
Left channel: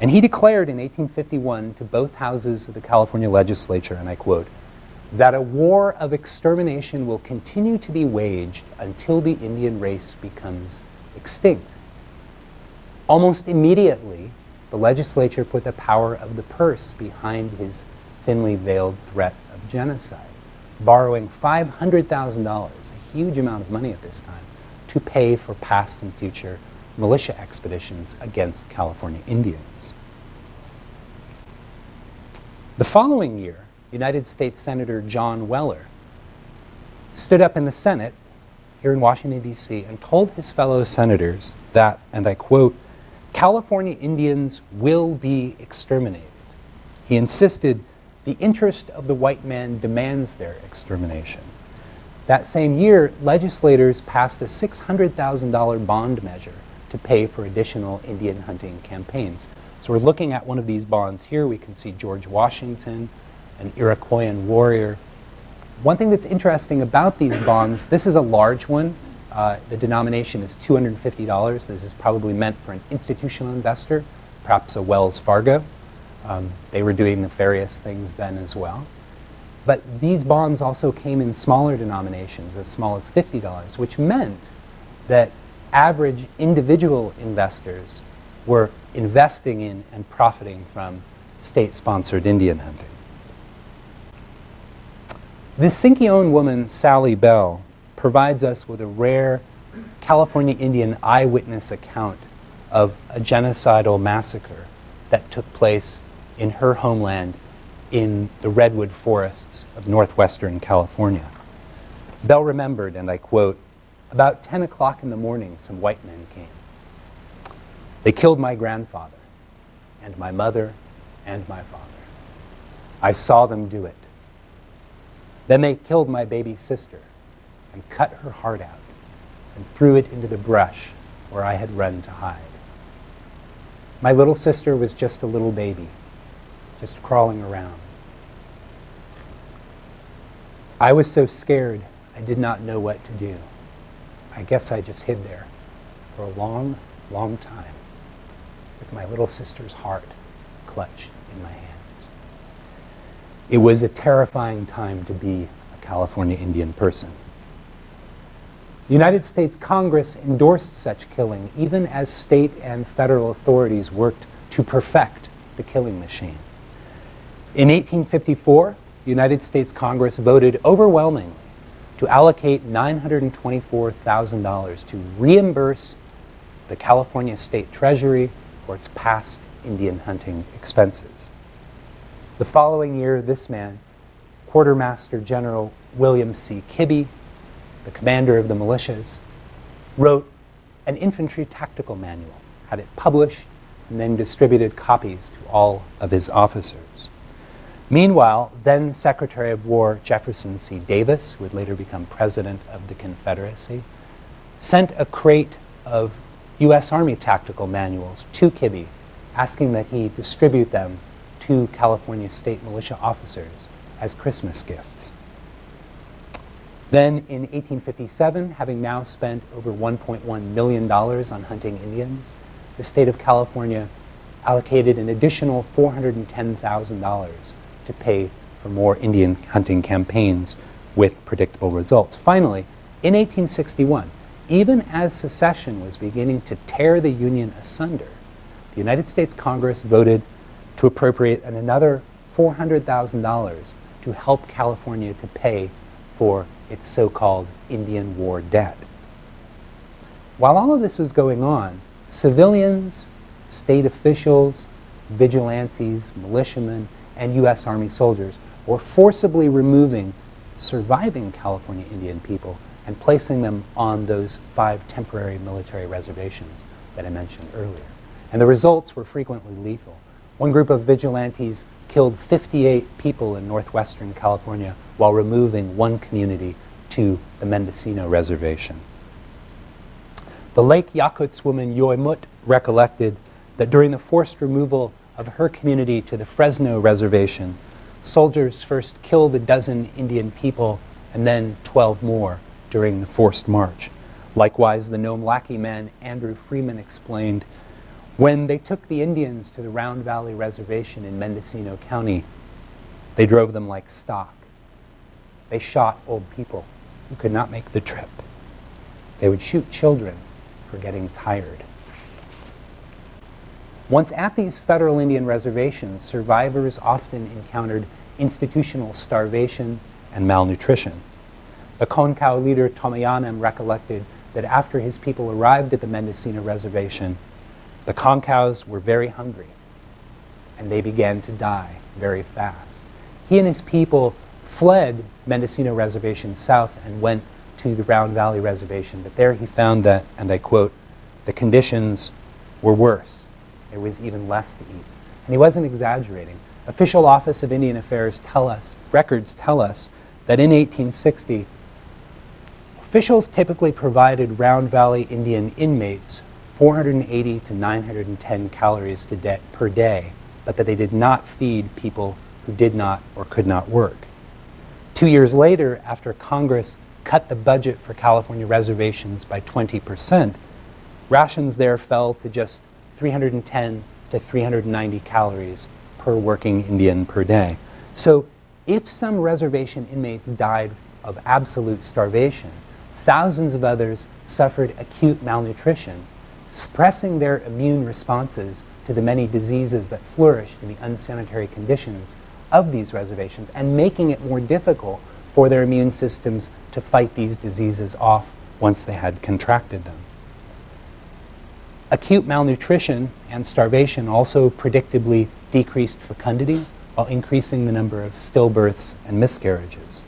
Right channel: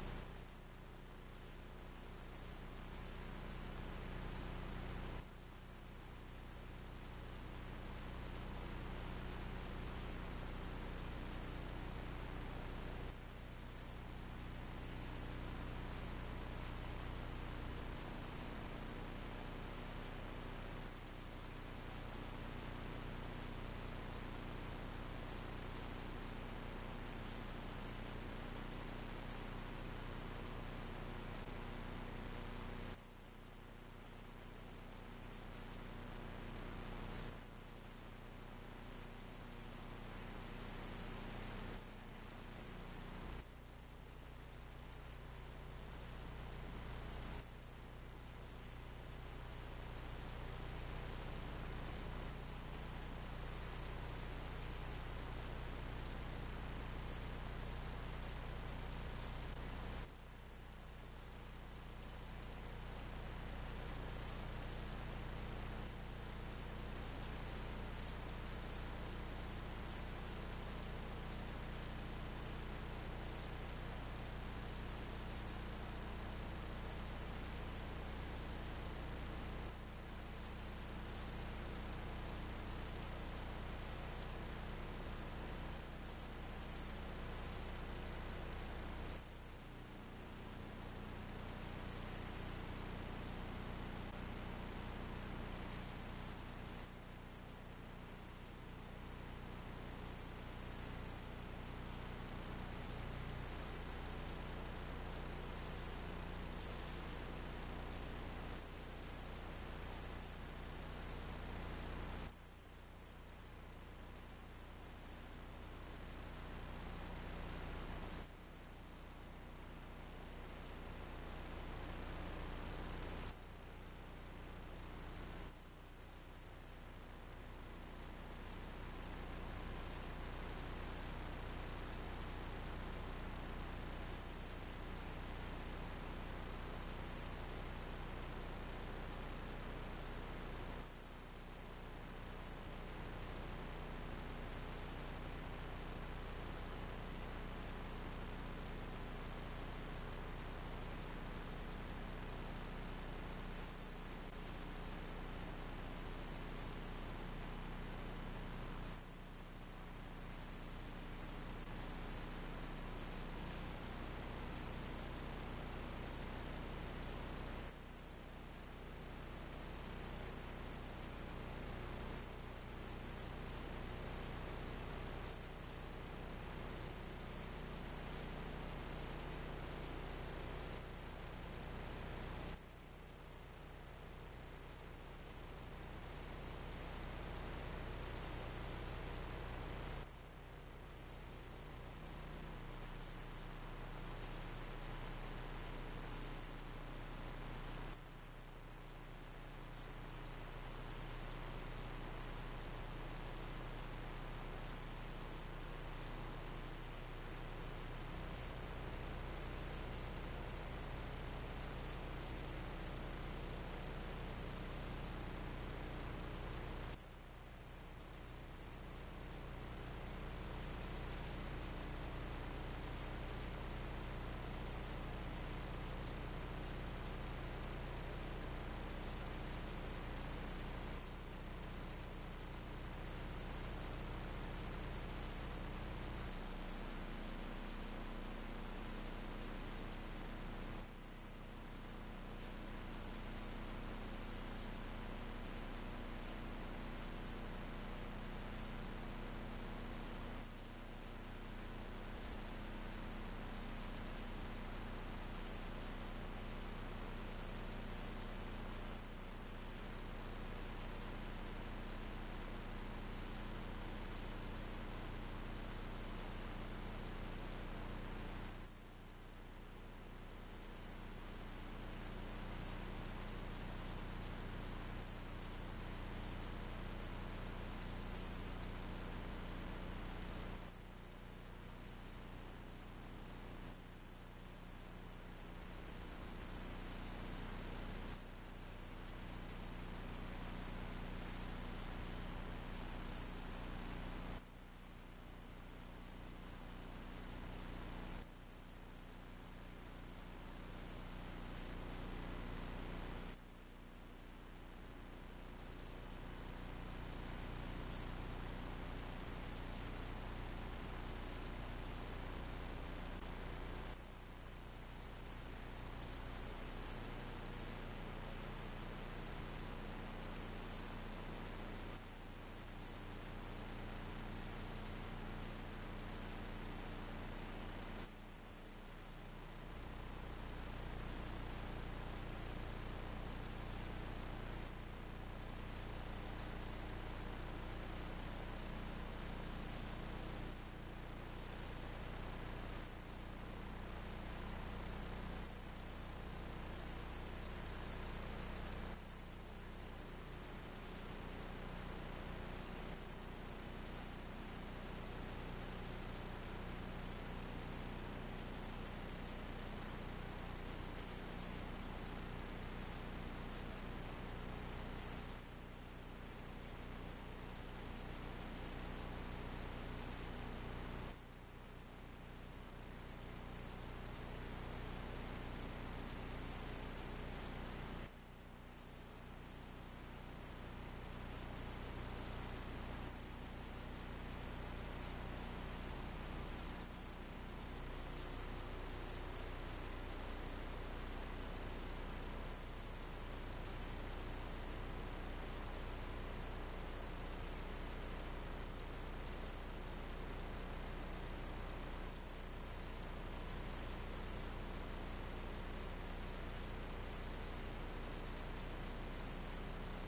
And he declared in 1851 to both houses of the California legislature, and I quote, that a war of extermination will continue to be waged until the Indian race becomes extinct. Almost immediately, the legislature put the power of the purse behind his thinly veiled threat of genocide, borrowing $500,000, a huge amount of money at this time, to pay for past and future militia expeditions against California Indians. The following year, United States Senator John Weller stood up in the Senate here in Washington, D.C., and told his fellow senators that, and I quote, California Indians will be exterminated. He insisted the interest of the white man demands their extermination. That same year, legislators passed a $600,000 bond measure to pay for additional Indian hunting campaigns. So we're looking at one of these bonds here. We can see George Washington, an Iroquoian warrior. One thing that's interesting about these bonds, this is a large one. The denomination is $250. This is probably meant for an institutional investor, perhaps a Wells Fargo. They were doing nefarious things then as well. But these bonds also came in smaller denominations, as small as $50, which meant that average individual investors were investing in and profiting from state-sponsored Indian hunting. This Sinkyone woman, Sally Bell, provides us with a rare California Indian eyewitness account of a genocidal massacre that took place in her homeland in the redwood forests of northwestern California. Bell remembered, and I quote, about 10 o'clock in the morning, some white men came. They killed my grandfather, and my mother, and my father. I saw them do it. Then they killed my baby sister and cut her heart out and threw it into the brush where I had run to hide. My little sister was just a little baby, just crawling around. I was so scared I did not know what to do. I guess I just hid there for a long, long time with my little sister's heart clutched in my hands. It was a terrifying time to be a California Indian person. The United States Congress endorsed such killing, even as state and federal authorities worked to perfect the killing machine. In 1854, the United States Congress voted overwhelmingly to allocate $924,000 to reimburse the California State Treasury for its past Indian hunting expenses. The following year, this man, Quartermaster General William C. Kibbe, the commander of the militias, wrote an infantry tactical manual, had it published, and then distributed copies to all of his officers. Meanwhile, then Secretary of War Jefferson C. Davis, who would later become President of the Confederacy, sent a crate of U.S. Army tactical manuals to Kibbe, asking that he distribute them to California state militia officers as Christmas gifts. Then in 1857, having now spent over $1.1 million on hunting Indians, the state of California allocated an additional $410,000 to pay for more Indian hunting campaigns with predictable results. Finally, in 1861, even as secession was beginning to tear the Union asunder, the United States Congress voted to appropriate another $400,000 to help California to pay for its so-called Indian War debt. While all of this was going on, civilians, state officials, vigilantes, militiamen, and U.S. Army soldiers were forcibly removing surviving California Indian people and placing them on those 5 temporary military reservations that I mentioned earlier. And the results were frequently lethal. One group of vigilantes killed 58 people in northwestern California while removing one community to the Mendocino Reservation. The Lake Yakuts woman Yoemut recollected that during the forced removal of her community to the Fresno Reservation, soldiers first killed a dozen Indian people and then 12 more during the forced march. Likewise, the Nome Lackey man Andrew Freeman explained, when they took the Indians to the Round Valley Reservation in Mendocino County, they drove them like stock. They shot old people who could not make the trip. They would shoot children for getting tired. Once at these federal Indian reservations, survivors often encountered institutional starvation and malnutrition. The Concow leader Tomayanem recollected that after his people arrived at the Mendocino Reservation, the Concows were very hungry, and they began to die very fast. He and his people fled Mendocino Reservation south and went to the Round Valley Reservation, but there he found that, and I quote, the conditions were worse. There was even less to eat. And he wasn't exaggerating. Official Office of Indian Affairs records tell us that in 1860, officials typically provided Round Valley Indian inmates 480 to 910 calories per day, but that they did not feed people who did not or could not work. 2 years later, after Congress cut the budget for California reservations by 20%, rations there fell to just 310 to 390 calories per working Indian per day. So if some reservation inmates died of absolute starvation, thousands of others suffered acute malnutrition, suppressing their immune responses to the many diseases that flourished in the unsanitary conditions of these reservations and making it more difficult for their immune systems to fight these diseases off once they had contracted them. Acute malnutrition and starvation also predictably decreased fecundity while increasing the number of stillbirths and miscarriages.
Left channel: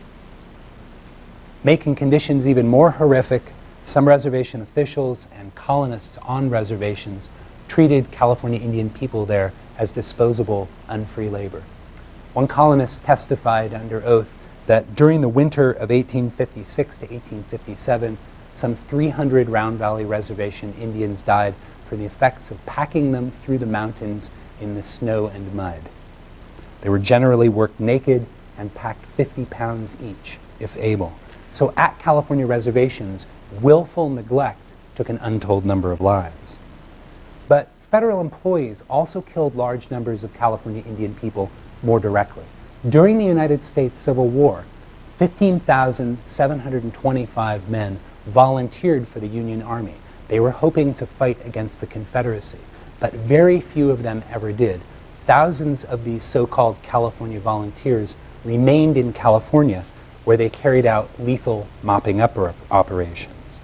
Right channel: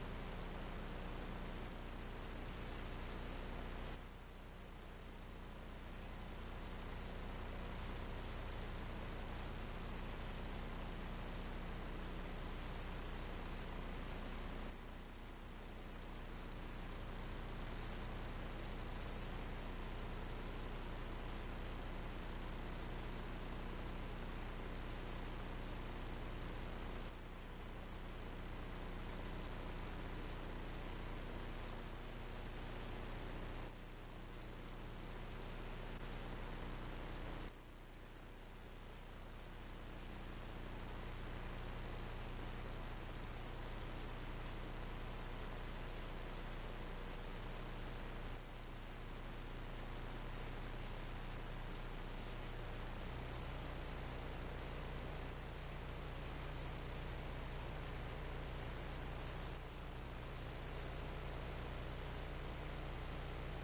Making conditions even more horrific, some reservation officials and colonists on reservations treated California Indian people there as disposable, unfree labor. One columnist testified under oath that during the winter of 1856 to 1857, some 300 Round Valley Reservation Indians died from the effects of packing them through the mountains in the snow and mud. They were generally worked naked and packed 50 pounds each, if able. So at California reservations, willful neglect took an untold number of lives. But federal employees also killed large numbers of California Indian people more directly. During the United States Civil War, 15,725 men volunteered for the Union Army. They were hoping to fight against the Confederacy, but very few of them ever did. Thousands of these so-called California volunteers remained in California, where they carried out lethal mopping up operations.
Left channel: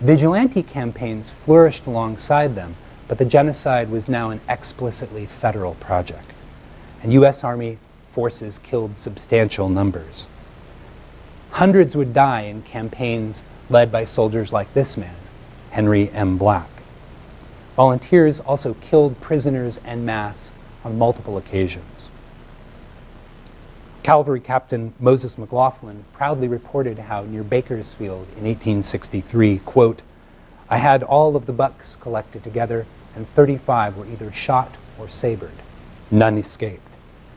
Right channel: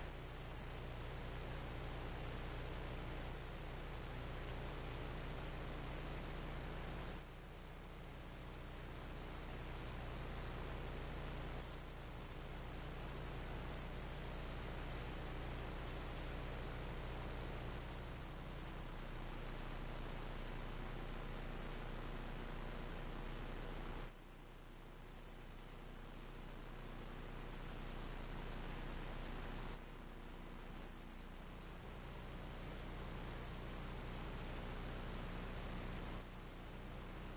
Vigilante campaigns flourished alongside them, but the genocide was now an explicitly federal project, and U.S. Army forces killed substantial numbers. Hundreds would die in campaigns led by soldiers like this man, Henry M. Black. Volunteers also killed prisoners en masse on multiple occasions. Cavalry Captain Moses McLaughlin proudly reported how near Bakersfield in 1863, quote, "I had all of the bucks collected together and 35 were either shot or sabred. None escaped."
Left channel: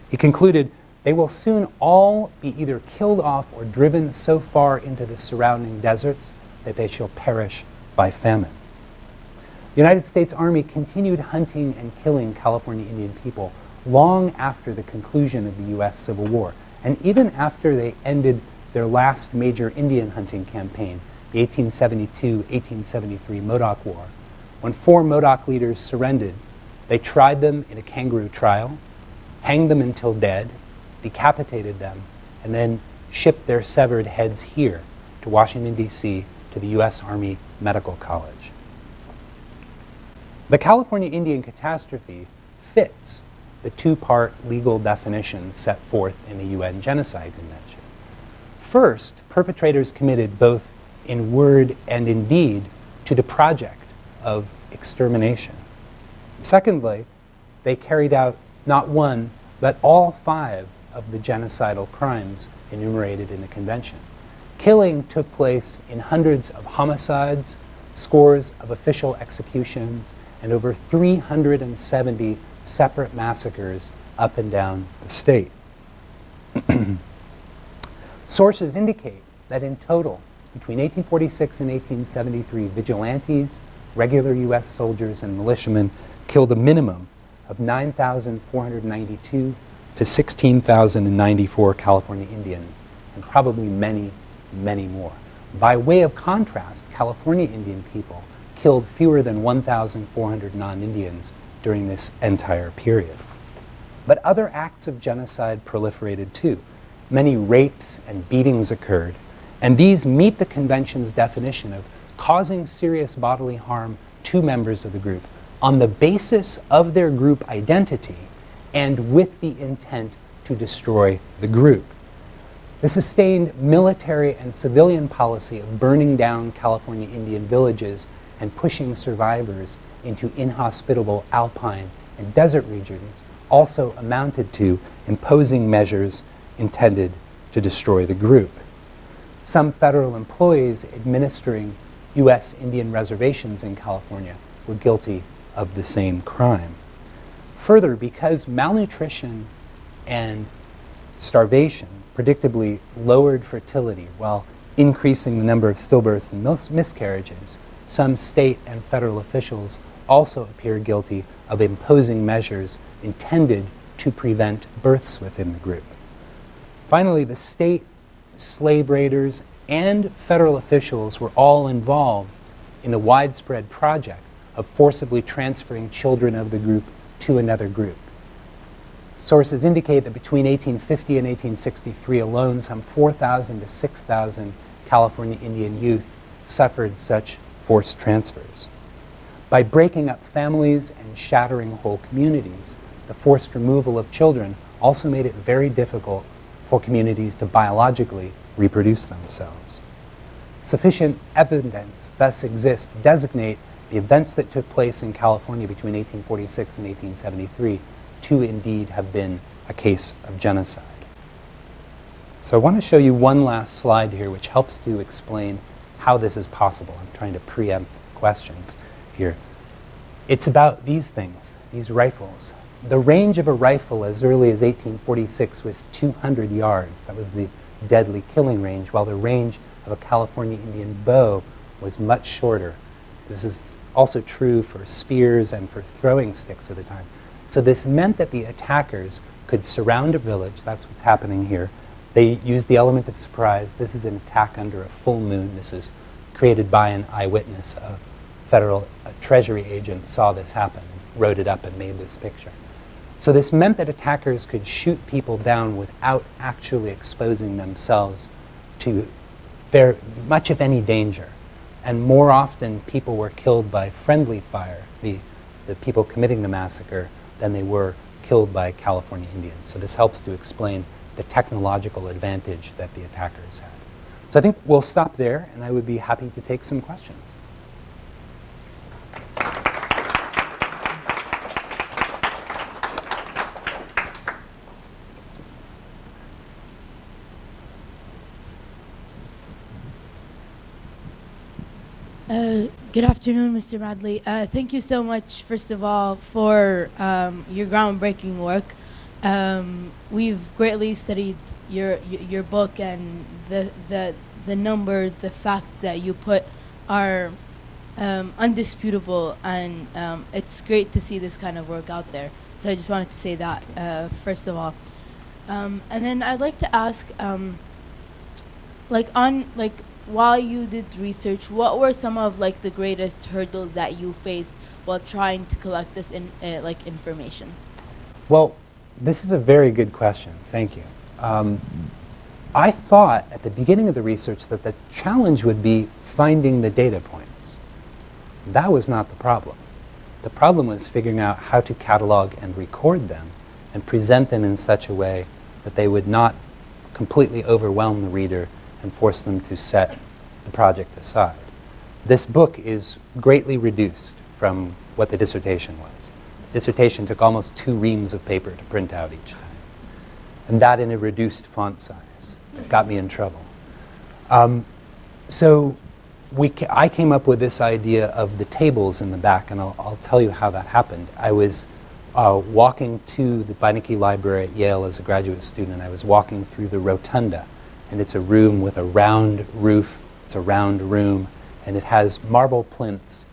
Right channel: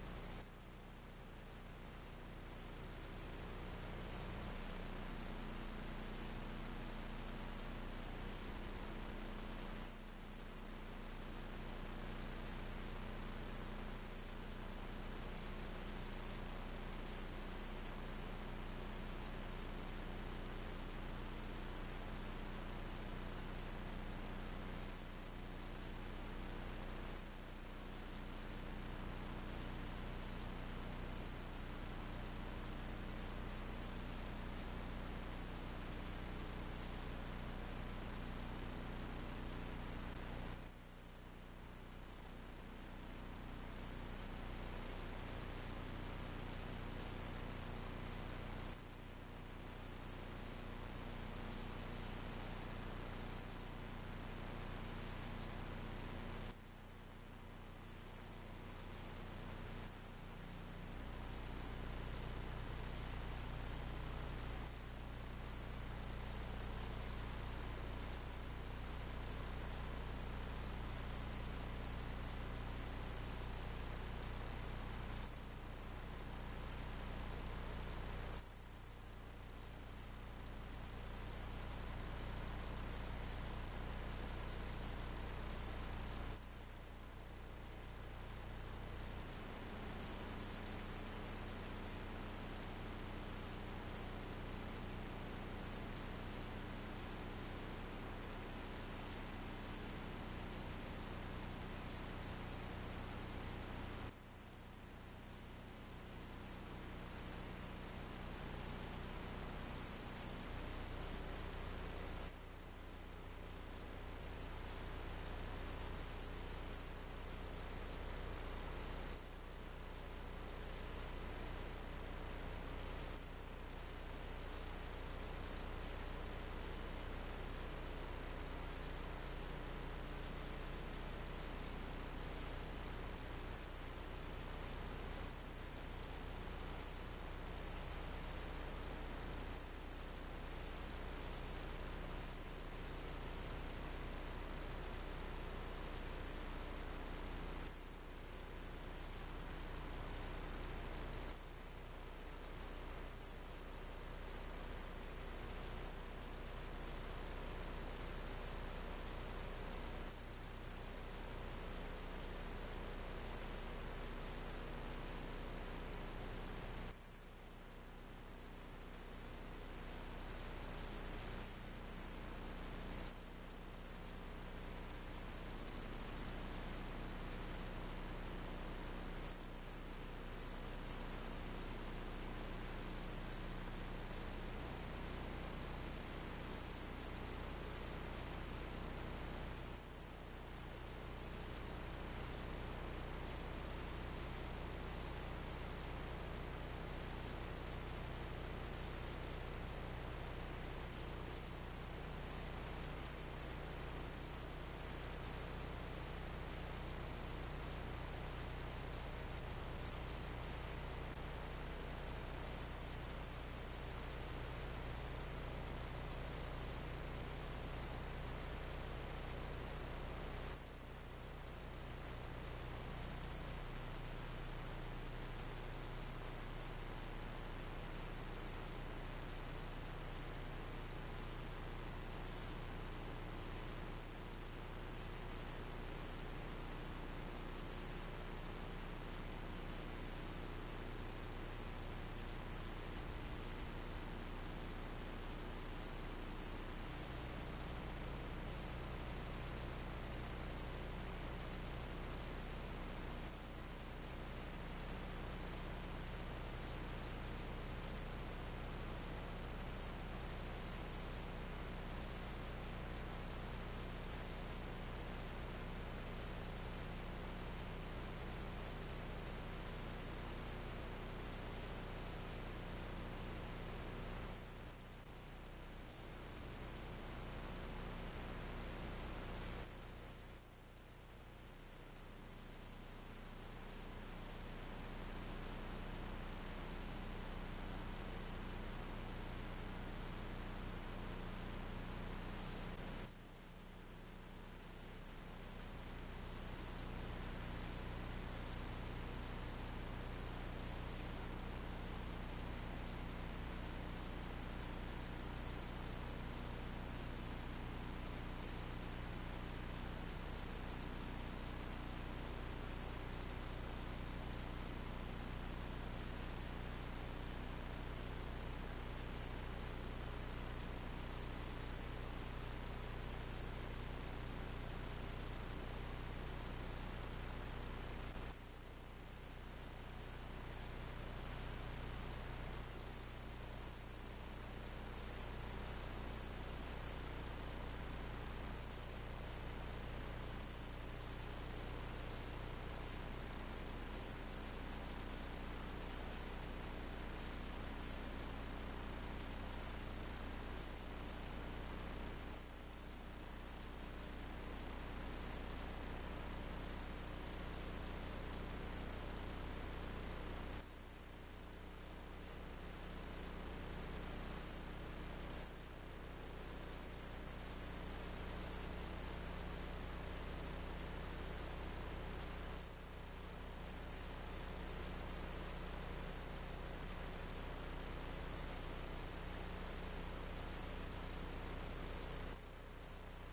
He concluded, "They will soon all be either killed off or driven so far into the surrounding deserts that they shall perish by famine." The United States Army continued hunting and killing California Indian people long after the conclusion of the U.S. Civil War, and even after they ended their last major Indian hunting campaign, the 1872-1873 Modoc War. When 4 Modoc leaders surrendered, they tried them in a kangaroo trial, hanged them until dead, decapitated them, and then shipped their severed heads here to Washington, D.C., to the U.S. Army Medical College. The California Indian Catastrophe fits the 2-part legal definition set forth in the UN Genocide Convention. First, perpetrators committed both in word and in deed to the project of extermination. Secondly, they carried out not one, but all 5 of the genocidal crimes enumerated in the convention. Killing took place in hundreds of homicides, scores of official executions, and over 370 separate massacres up and down the state. Sources indicate that in total, between 1846 and 1873, vigilantes, regular U.S. soldiers, and militiamen killed a minimum of 9,492 to 16,094 California Indians, and probably many, many more. By way of contrast, California Indian people killed fewer than 1,400 non-Indians during this entire period. But other acts of genocide proliferated too. Many rapes and beatings occurred, and these meet the convention's definition of causing serious bodily harm to members of the group on the basis of their group identity and with the intent to destroy the group. The sustained military and civilian policy of burning down California Indian villages and pushing survivors into inhospitable alpine and desert regions also amounted to imposing measures intended to destroy the group. Some federal employees administering U.S. Indian reservations in California were guilty of the same crime. Further, because malnutrition and starvation predictably lowered fertility while increasing the number of stillbirths and miscarriages, some state and federal officials also appear guilty of imposing measures intended to prevent births within the group. Finally, the state, slave raiders, and federal officials were all involved in the widespread project of forcibly transferring children of the group to another group. Sources indicate that between 1850 and 1863 alone, some 4,000 to 6,000 California Indian youth suffered such forced transfers. By breaking up families and shattering whole communities, the forced removal of children also made it very difficult for communities to biologically reproduce themselves. Sufficient evidence thus exists to designate the events that took place in California between 1846 and 1873 to indeed have been a case of genocide. So I want to show you one last slide here which helps to explain how this is possible. I'm trying to preempt questions here. It's about these things, these rifles. The range of a rifle as early as 1846 was 200 yards. That was the deadly killing range, while the range of a California Indian bow was much shorter. This is also true for spears and for throwing sticks at the time. So this meant that the attackers could surround a village. That's what's happening here. They used the element of surprise. This is an attack under a full moon. This is created by an eyewitness. A federal treasury agent saw this happen, wrote it up, and made this picture. So this meant that attackers could shoot people down without actually exposing themselves to very much of any danger. And more often, people were killed by friendly fire, the people committing the massacre, than they were killed by California Indians. So this helps to explain the technological advantage that the attackers had. So I think we'll stop there, and I would be happy to take some questions. Good afternoon, Mr. Madley. Thank you so much, first of all, for your groundbreaking work. We've greatly studied your book, and the numbers, the facts that you put are undisputable, and it's great to see this kind of work out there. So I just wanted to say that, first of all. And then I'd like to ask, while you did research, what were some of the greatest hurdles that you faced while trying to collect this information? Well, this is a very good question. Thank you. I thought at the beginning of the research that the challenge would be finding the data points. That was not the problem. The problem was figuring out how to catalog and record them and present them in such a way that they would not completely overwhelm the reader and force them to set the project aside. This book is greatly reduced from what the dissertation was. The dissertation took almost 2 reams of paper to print out each time, and that in a reduced font size. That got me in trouble. So I came up with this idea of the tables in the back, and I'll tell you how that happened. I was walking to the Beinecke Library at Yale as a graduate student. I was walking through the rotunda, and it's a room with a round roof. It's a round room, and it has marble plinths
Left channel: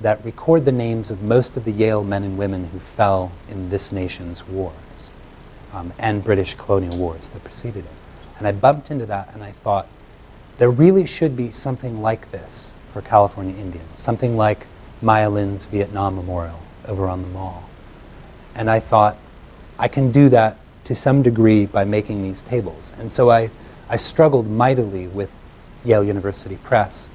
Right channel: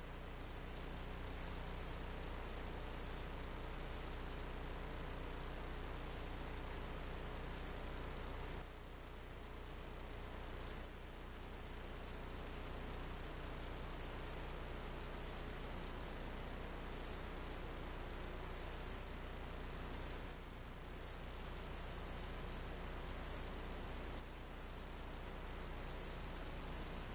that record the names of most of the Yale men and women who fell in this nation's wars and British colonial wars that preceded it. And I bumped into that, and I thought, there really should be something like this for California Indians, something like Maya Lin's Vietnam Memorial over on the Mall. And I thought, I can do that to some degree by making these tables. And so I struggled mightily with Yale University Press,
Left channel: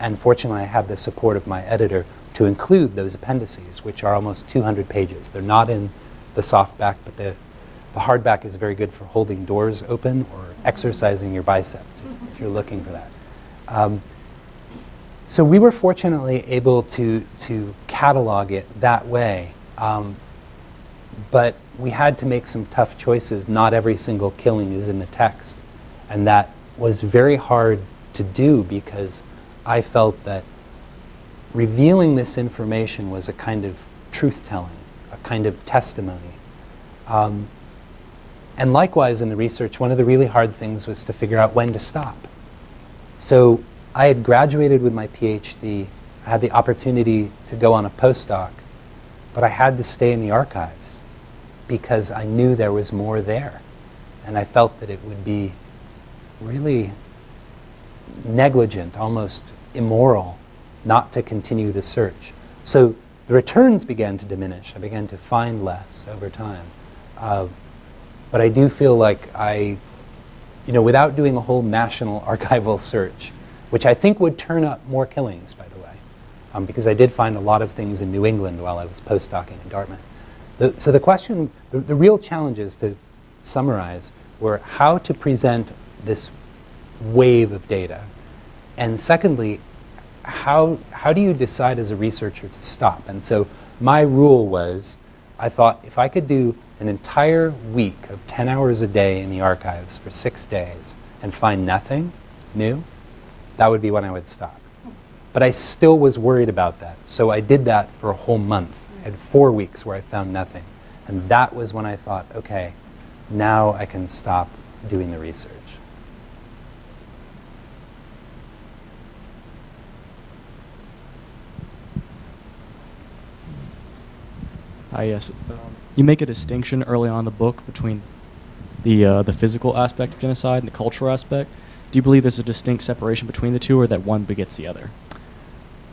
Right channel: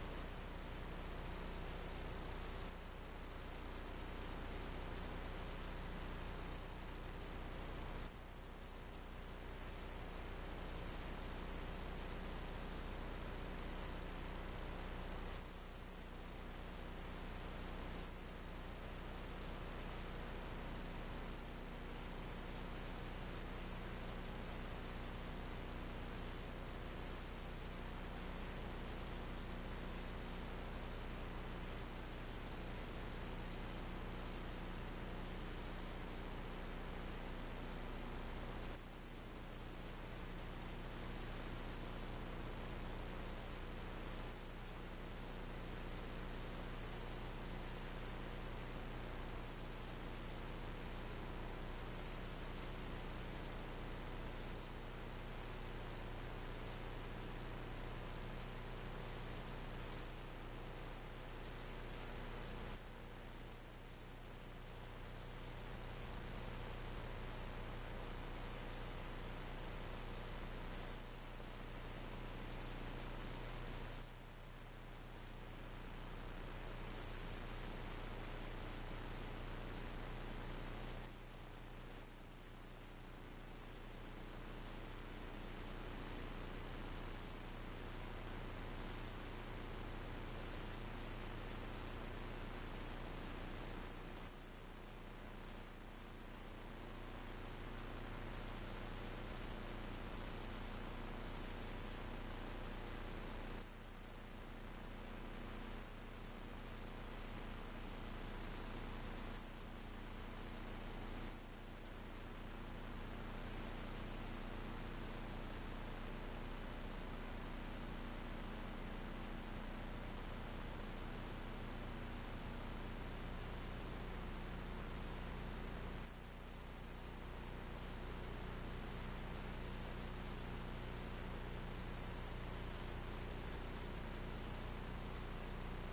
and fortunately I had the support of my editor to include those appendices, which are almost 200 pages. They're not in the softback, but the hardback is very good for holding doors open or exercising your biceps, if you're looking for that. So we were fortunately able to catalog it that way, but we had to make some tough choices. Not every single killing is in the text, and that was very hard to do because I felt that revealing this information was a kind of truth-telling, a kind of testimony. And likewise in the research, one of the really hard things was to figure out when to stop. So I had graduated with my PhD, I had the opportunity to go on a postdoc, but I had to stay in the archives because I knew there was more there. And I felt that it would be really negligent, almost immoral, not to continue the search. So the returns began to diminish. I began to find less over time. But I do feel like without doing a whole national archival search, which I think would turn up more killings, by the way, because I did find a lot of things in New England while I was postdocing in Dartmouth. So the question, the real challenges, to summarize, were how to present this wave of data, and secondly, how do you decide as a researcher to stop? And so my rule was, I thought if I could do an entire week of 10 hours a day in the archives for 6 days and find nothing new, that would be when I would stop. But I still was worried about that. So I did that for a whole month. I had 4 weeks where I found nothing. And that was when I thought, okay, now I can stop doing the research. Yes. You make a distinction early on in the book between the physical aspect of genocide and the cultural aspect. Do you believe there's a distinct separation between the two, or that one begets the other?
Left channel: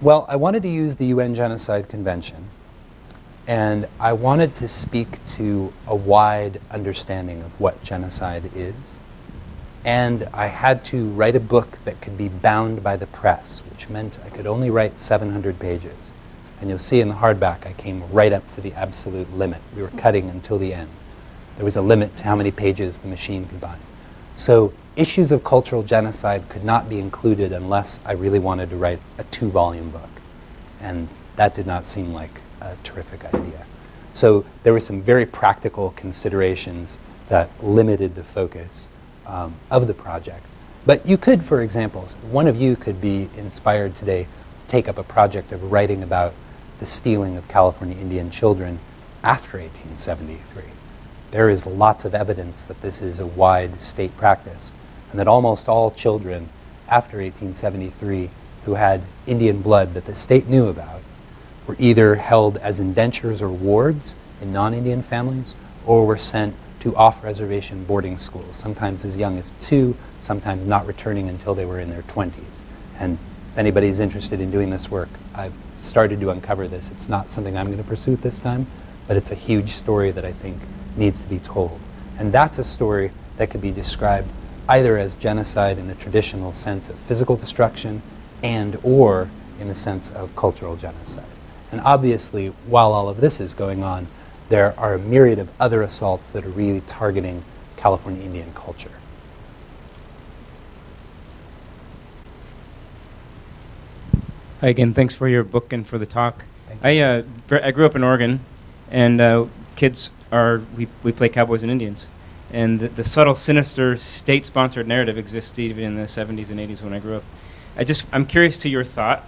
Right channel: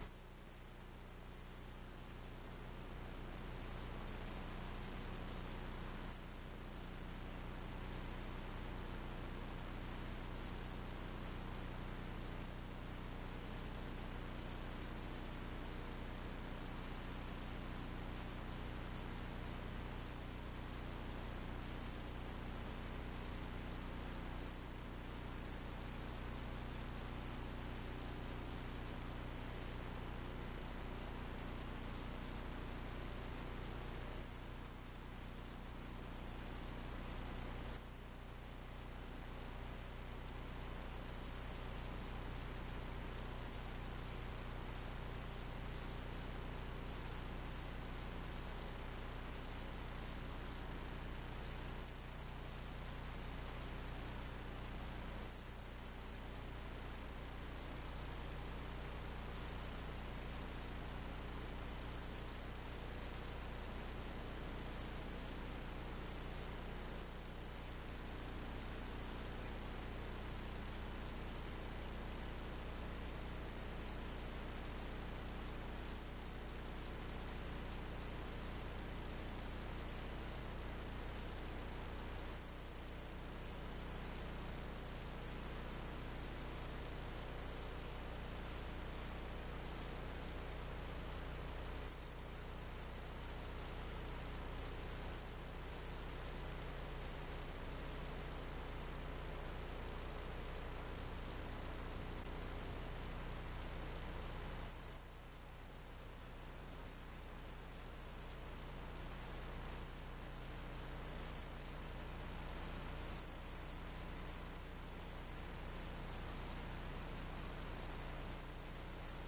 Well, I wanted to use the UN Genocide Convention, and I wanted to speak to a wide understanding of what genocide is. And I had to write a book that could be bound by the press, which meant I could only write 700 pages. And you'll see in the hardback, I came right up to the absolute limit. We were cutting until the end. There was a limit to how many pages the machine could bind. So issues of cultural genocide could not be included unless I really wanted to write a 2-volume book. And that did not seem like a terrific idea. So there were some very practical considerations that limited the focus of the project. But you could, for example, one of you could be inspired today to take up a project of writing about the stealing of California Indian children after 1873. There is lots of evidence that this is a wide state practice, and that almost all children after 1873 who had Indian blood that the state knew about were either held as indentures or wards in non-Indian families, or were sent to off-reservation boarding schools, sometimes as young as 2, sometimes not returning until they were in their 20s. And if anybody's interested in doing this work, I've started to uncover this. It's not something I'm going to pursue at this time, but it's a huge story that I think needs to be told. And that's a story that could be described either as genocide in the traditional sense of physical destruction and or in the sense of cultural genocide. And obviously, while all of this is going on, there are a myriad of other assaults that are really targeting California Indian culture. Hi again, thanks for your book and for the talk. I grew up in Oregon, and kids we play cowboys and Indians. And the subtle, sinister, state-sponsored narrative existed even in the 70s and 80s when I grew up. I'm curious to your thought.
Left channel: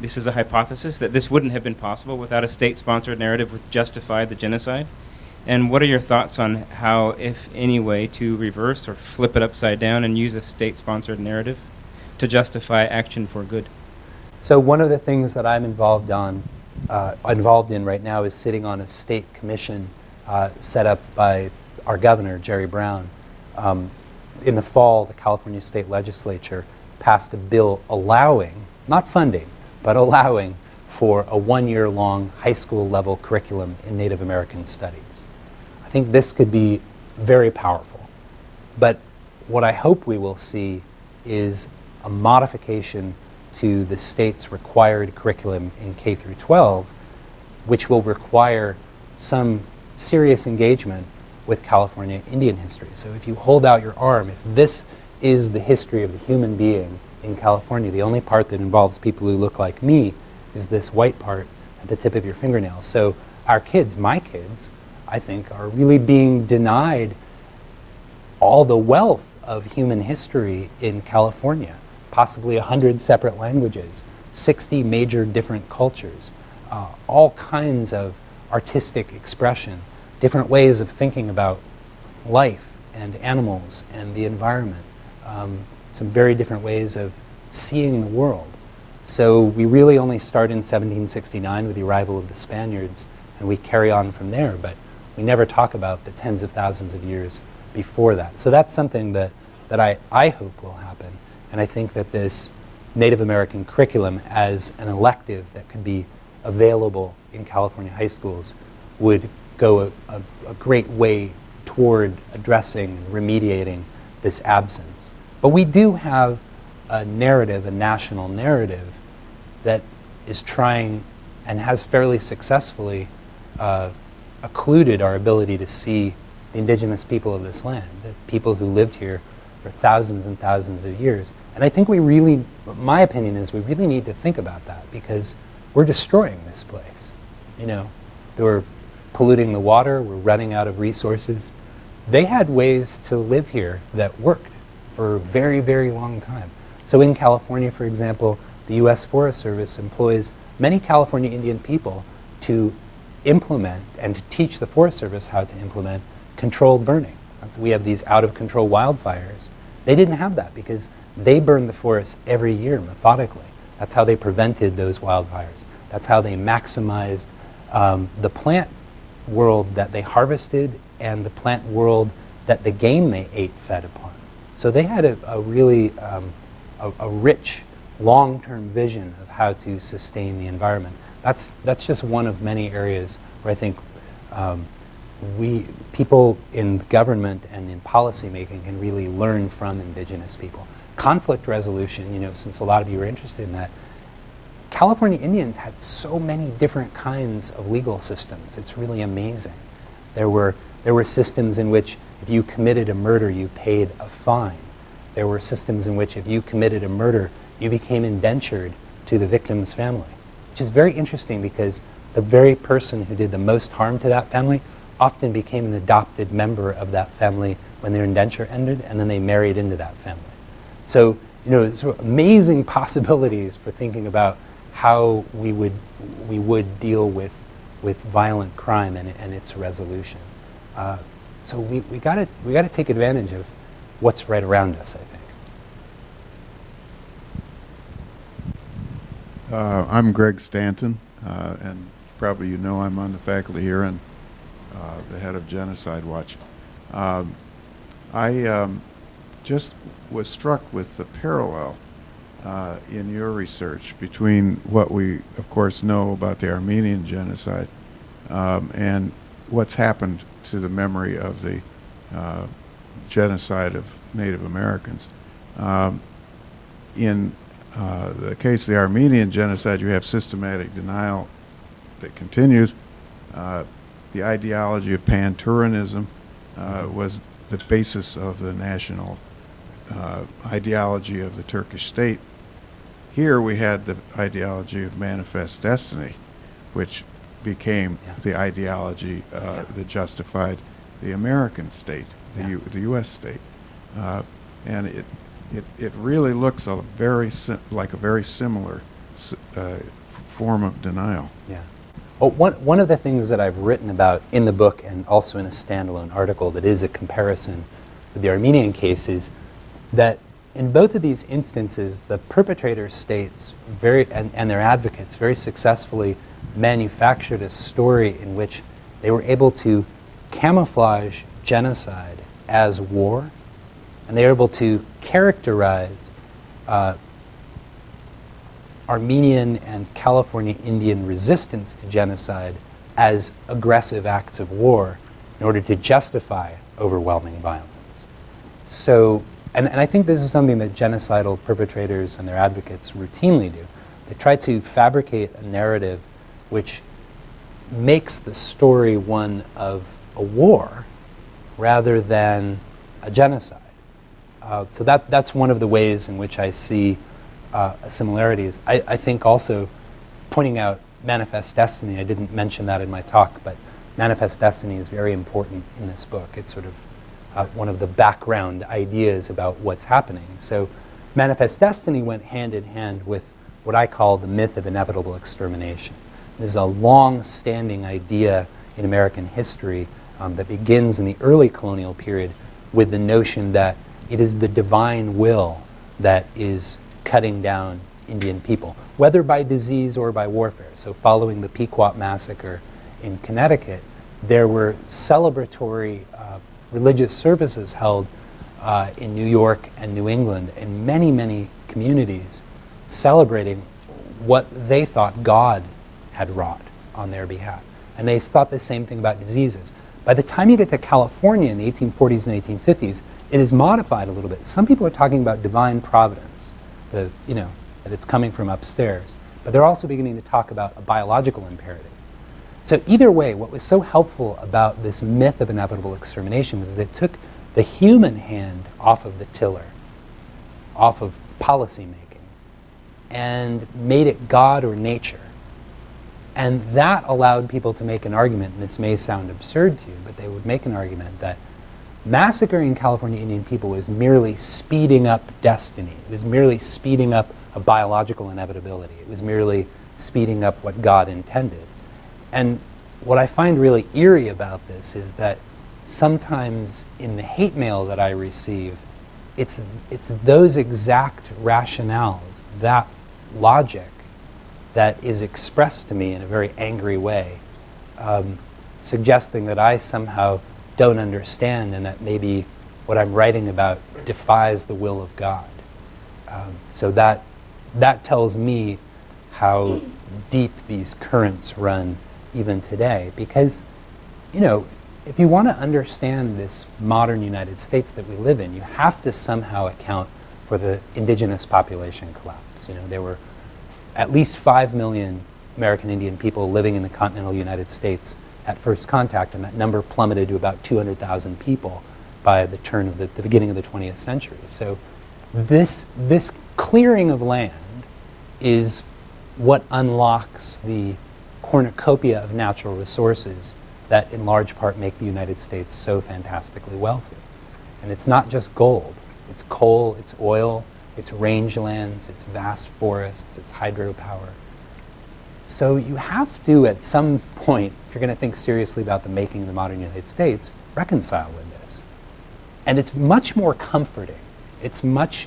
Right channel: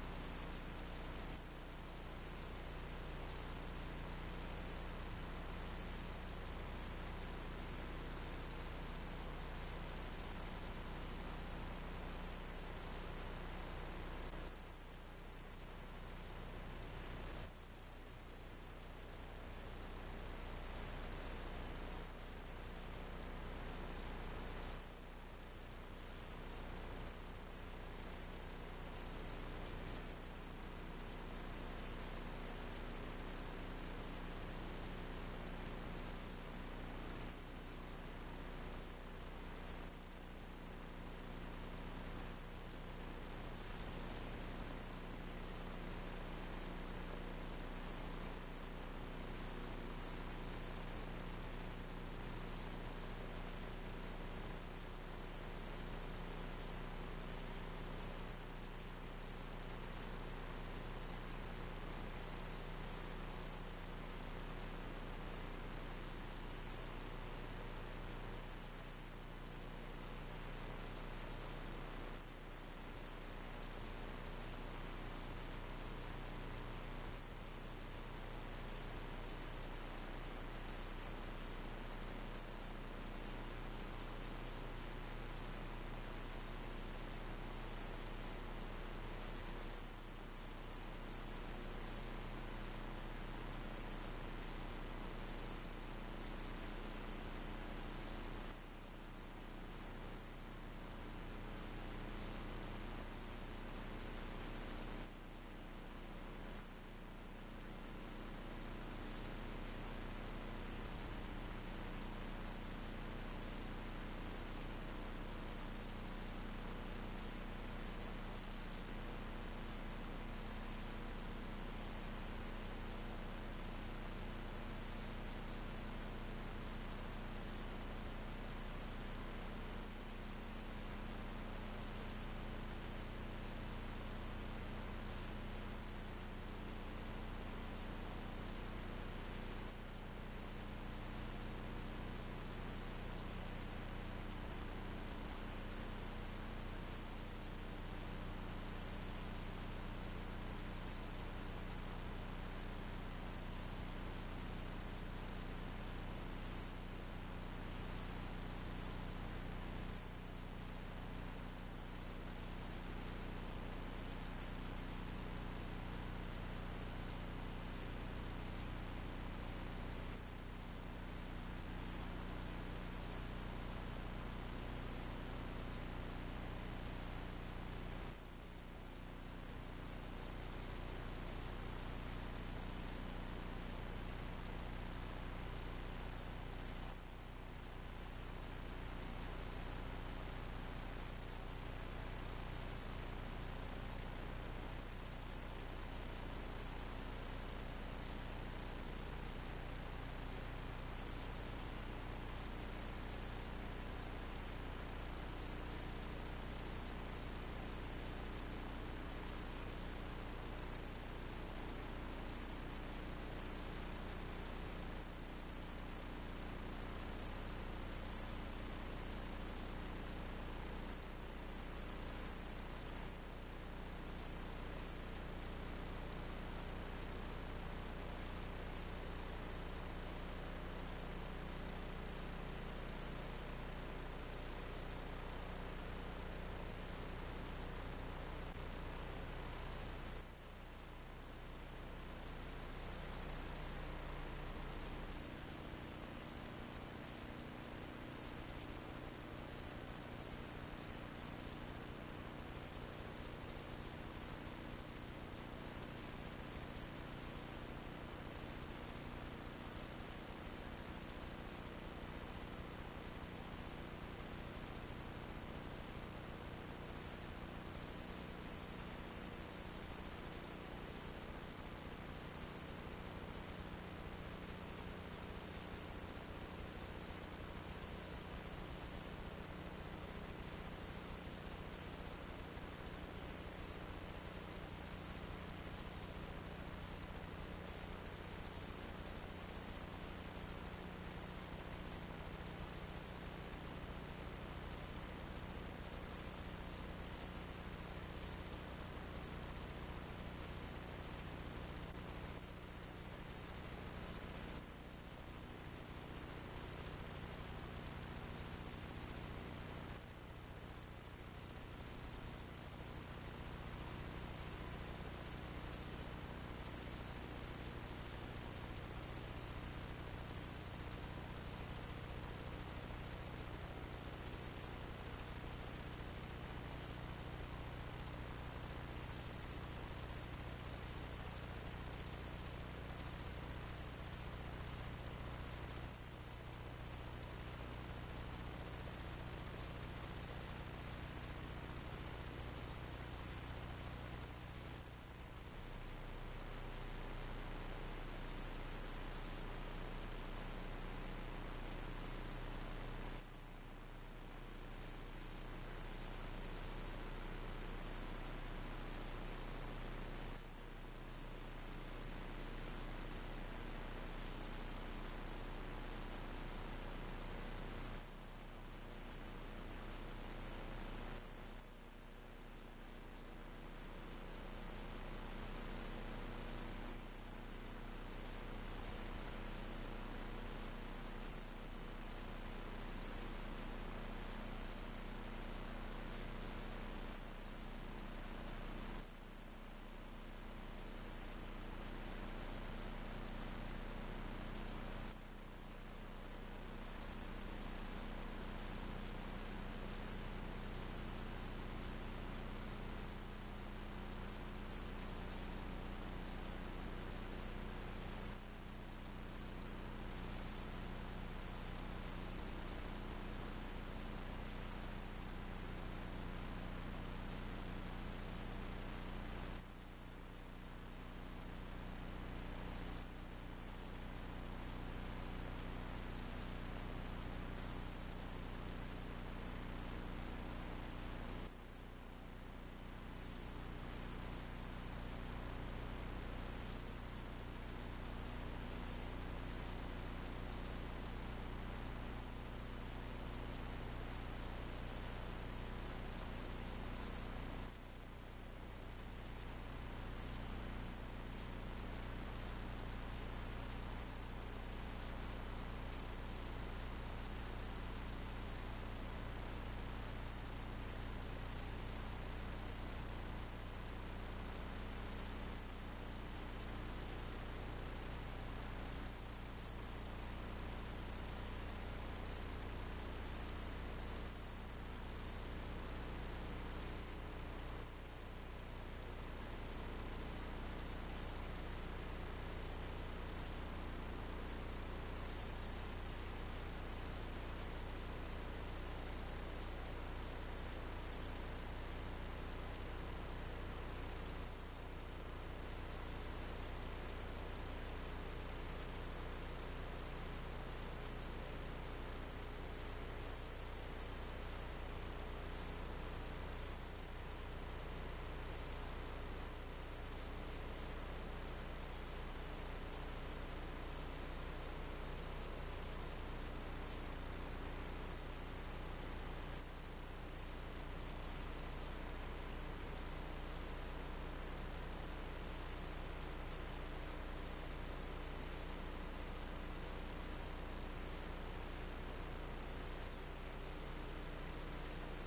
This is a hypothesis that this wouldn't have been possible without a state-sponsored narrative which justified the genocide. And what are your thoughts on how, if any way, to reverse or flip it upside down and use a state-sponsored narrative to justify action for good? So one of the things that I'm involved in right now is sitting on a state commission set up by our governor, Jerry Brown. In the fall, the California State Legislature passed a bill allowing, not funding, but allowing for a 1-year-long high school level curriculum in Native American studies. I think this could be very powerful. But what I hope we will see is a modification to the state's required curriculum in K through 12, which will require some serious engagement with California Indian history. So if you hold out your arm, if this is the history of the human being in California, the only part that involves people who look like me is this white part at the tip of your fingernail. So our kids, my kids, I think, are really being denied all the wealth of human history in California. Possibly 100 separate languages, 60 major different cultures, all kinds of artistic expression, different ways of thinking about life and animals and the environment, some very different ways of seeing the world. So we really only start in 1769 with the arrival of the Spaniards, and we carry on from there, but we never talk about the tens of thousands of years before that. So that's something that I hope will happen. And I think that this Native American curriculum as an elective that could be available in California high schools would go a great way toward addressing, remediating this absence. But we do have a narrative, a national narrative, that is trying and has fairly successfully occluded our ability to see the indigenous people of this land, the people who lived here for thousands and thousands of years. And I think we really, my opinion is we really need to think about that, because we're destroying this place. You know, we're polluting the water, we're running out of resources. They had ways to live here that worked for a very, very long time. So in California, for example, the U.S. Forest Service employs many California Indian people to implement and to teach the Forest Service how to implement controlled burning. So we have these out-of-control wildfires. They didn't have that because they burned the forest every year methodically. That's how they prevented those wildfires. That's how they maximized the plant world that they harvested and the plant world that the game they ate fed upon. So they had a really a rich long-term vision of how to sustain the environment. That's just one of many areas where I think people in government and in policymaking can really learn from indigenous people. Conflict resolution, you know, since a lot of you are interested in that, California Indians had so many different kinds of legal systems. It's really amazing. There were systems in which if you committed a murder, you paid a fine. There were systems in which if you committed a murder, you became indentured to the victim's family, which is very interesting because the very person who did the most harm to that family often became an adopted member of that family when their indenture ended, and then they married into that family. So, you know, sort of amazing possibilities for thinking about how we would deal with violent crime and its resolution. So we gotta take advantage of what's right around us, I think. I'm Greg Stanton, and probably you know I'm on the faculty here and the head of Genocide Watch. I just was struck with the parallel in your research between what we, of course, know about the Armenian genocide and what's happened to the memory of the genocide of Native Americans. In the case of the Armenian genocide, you have systematic denial that continues. The ideology of pan-Turanism was the basis of the national ideology of the Turkish state. Here we had the ideology of manifest destiny, which became the ideology that justified the American state, the U.S. state. And it really looks like a very similar form of denial. Yeah. Well, one of the things that I've written about in the book and also in a standalone article that is a comparison with the Armenian case is that in both of these instances, the perpetrator states and their advocates very successfully manufactured a story in which they were able to camouflage genocide as war, and they were able to characterize Armenian and California Indian resistance to genocide as aggressive acts of war in order to justify overwhelming violence. So, and I think this is something that genocidal perpetrators and their advocates routinely do. They try to fabricate a narrative which makes the story one of a war rather than a genocide. So that's one of the ways in which I see similarities. I think also pointing out manifest destiny, I didn't mention that in my talk, but manifest destiny is very important in this book. It's sort of one of the background ideas about what's happening. So manifest destiny went hand in hand with what I call the myth of inevitable extermination. This is a long-standing idea in American history that begins in the early colonial period with the notion that it is the divine will that is cutting down Indian people, whether by disease or by warfare. So following the Pequot massacre in Connecticut, there were celebratory religious services held in New York and New England in many, many communities celebrating what they thought God had wrought on their behalf. And they thought the same thing about diseases. By the time you get to California in the 1840s and 1850s, it is modified a little bit. Some people are talking about divine providence, that it's coming from upstairs. But they're also beginning to talk about a biological imperative. So either way, what was so helpful about this myth of inevitable extermination was that it took the human hand off of the tiller, off of policy making, and made it God or nature. And that allowed people to make an argument, and this may sound absurd to you, but they would make an argument that massacring California Indian people was merely speeding up destiny. It was merely speeding up a biological inevitability. It was merely speeding up what God intended. And what I find really eerie about this is that sometimes in the hate mail that I receive, it's those exact rationales, that logic, that is expressed to me in a very angry way, suggesting that I somehow don't understand and that maybe what I'm writing about defies the will of God. So that tells me how deep these currents run even today. Because, you know, if you want to understand this modern United States that we live in, you have to somehow account for the indigenous population collapse. You know, there were at least 5 million American Indian people living in the continental United States at first contact, and that number plummeted to about 200,000 people by the turn of the beginning of the 20th century. So this clearing of land is what unlocks the cornucopia of natural resources that in large part make the United States so fantastically wealthy. And it's not just gold. It's coal, it's oil, it's rangelands, it's vast forests, it's hydropower. So you have to, at some point, if you're going to think seriously about the making of the modern United States, reconcile with this. And it's much more comforting. It's much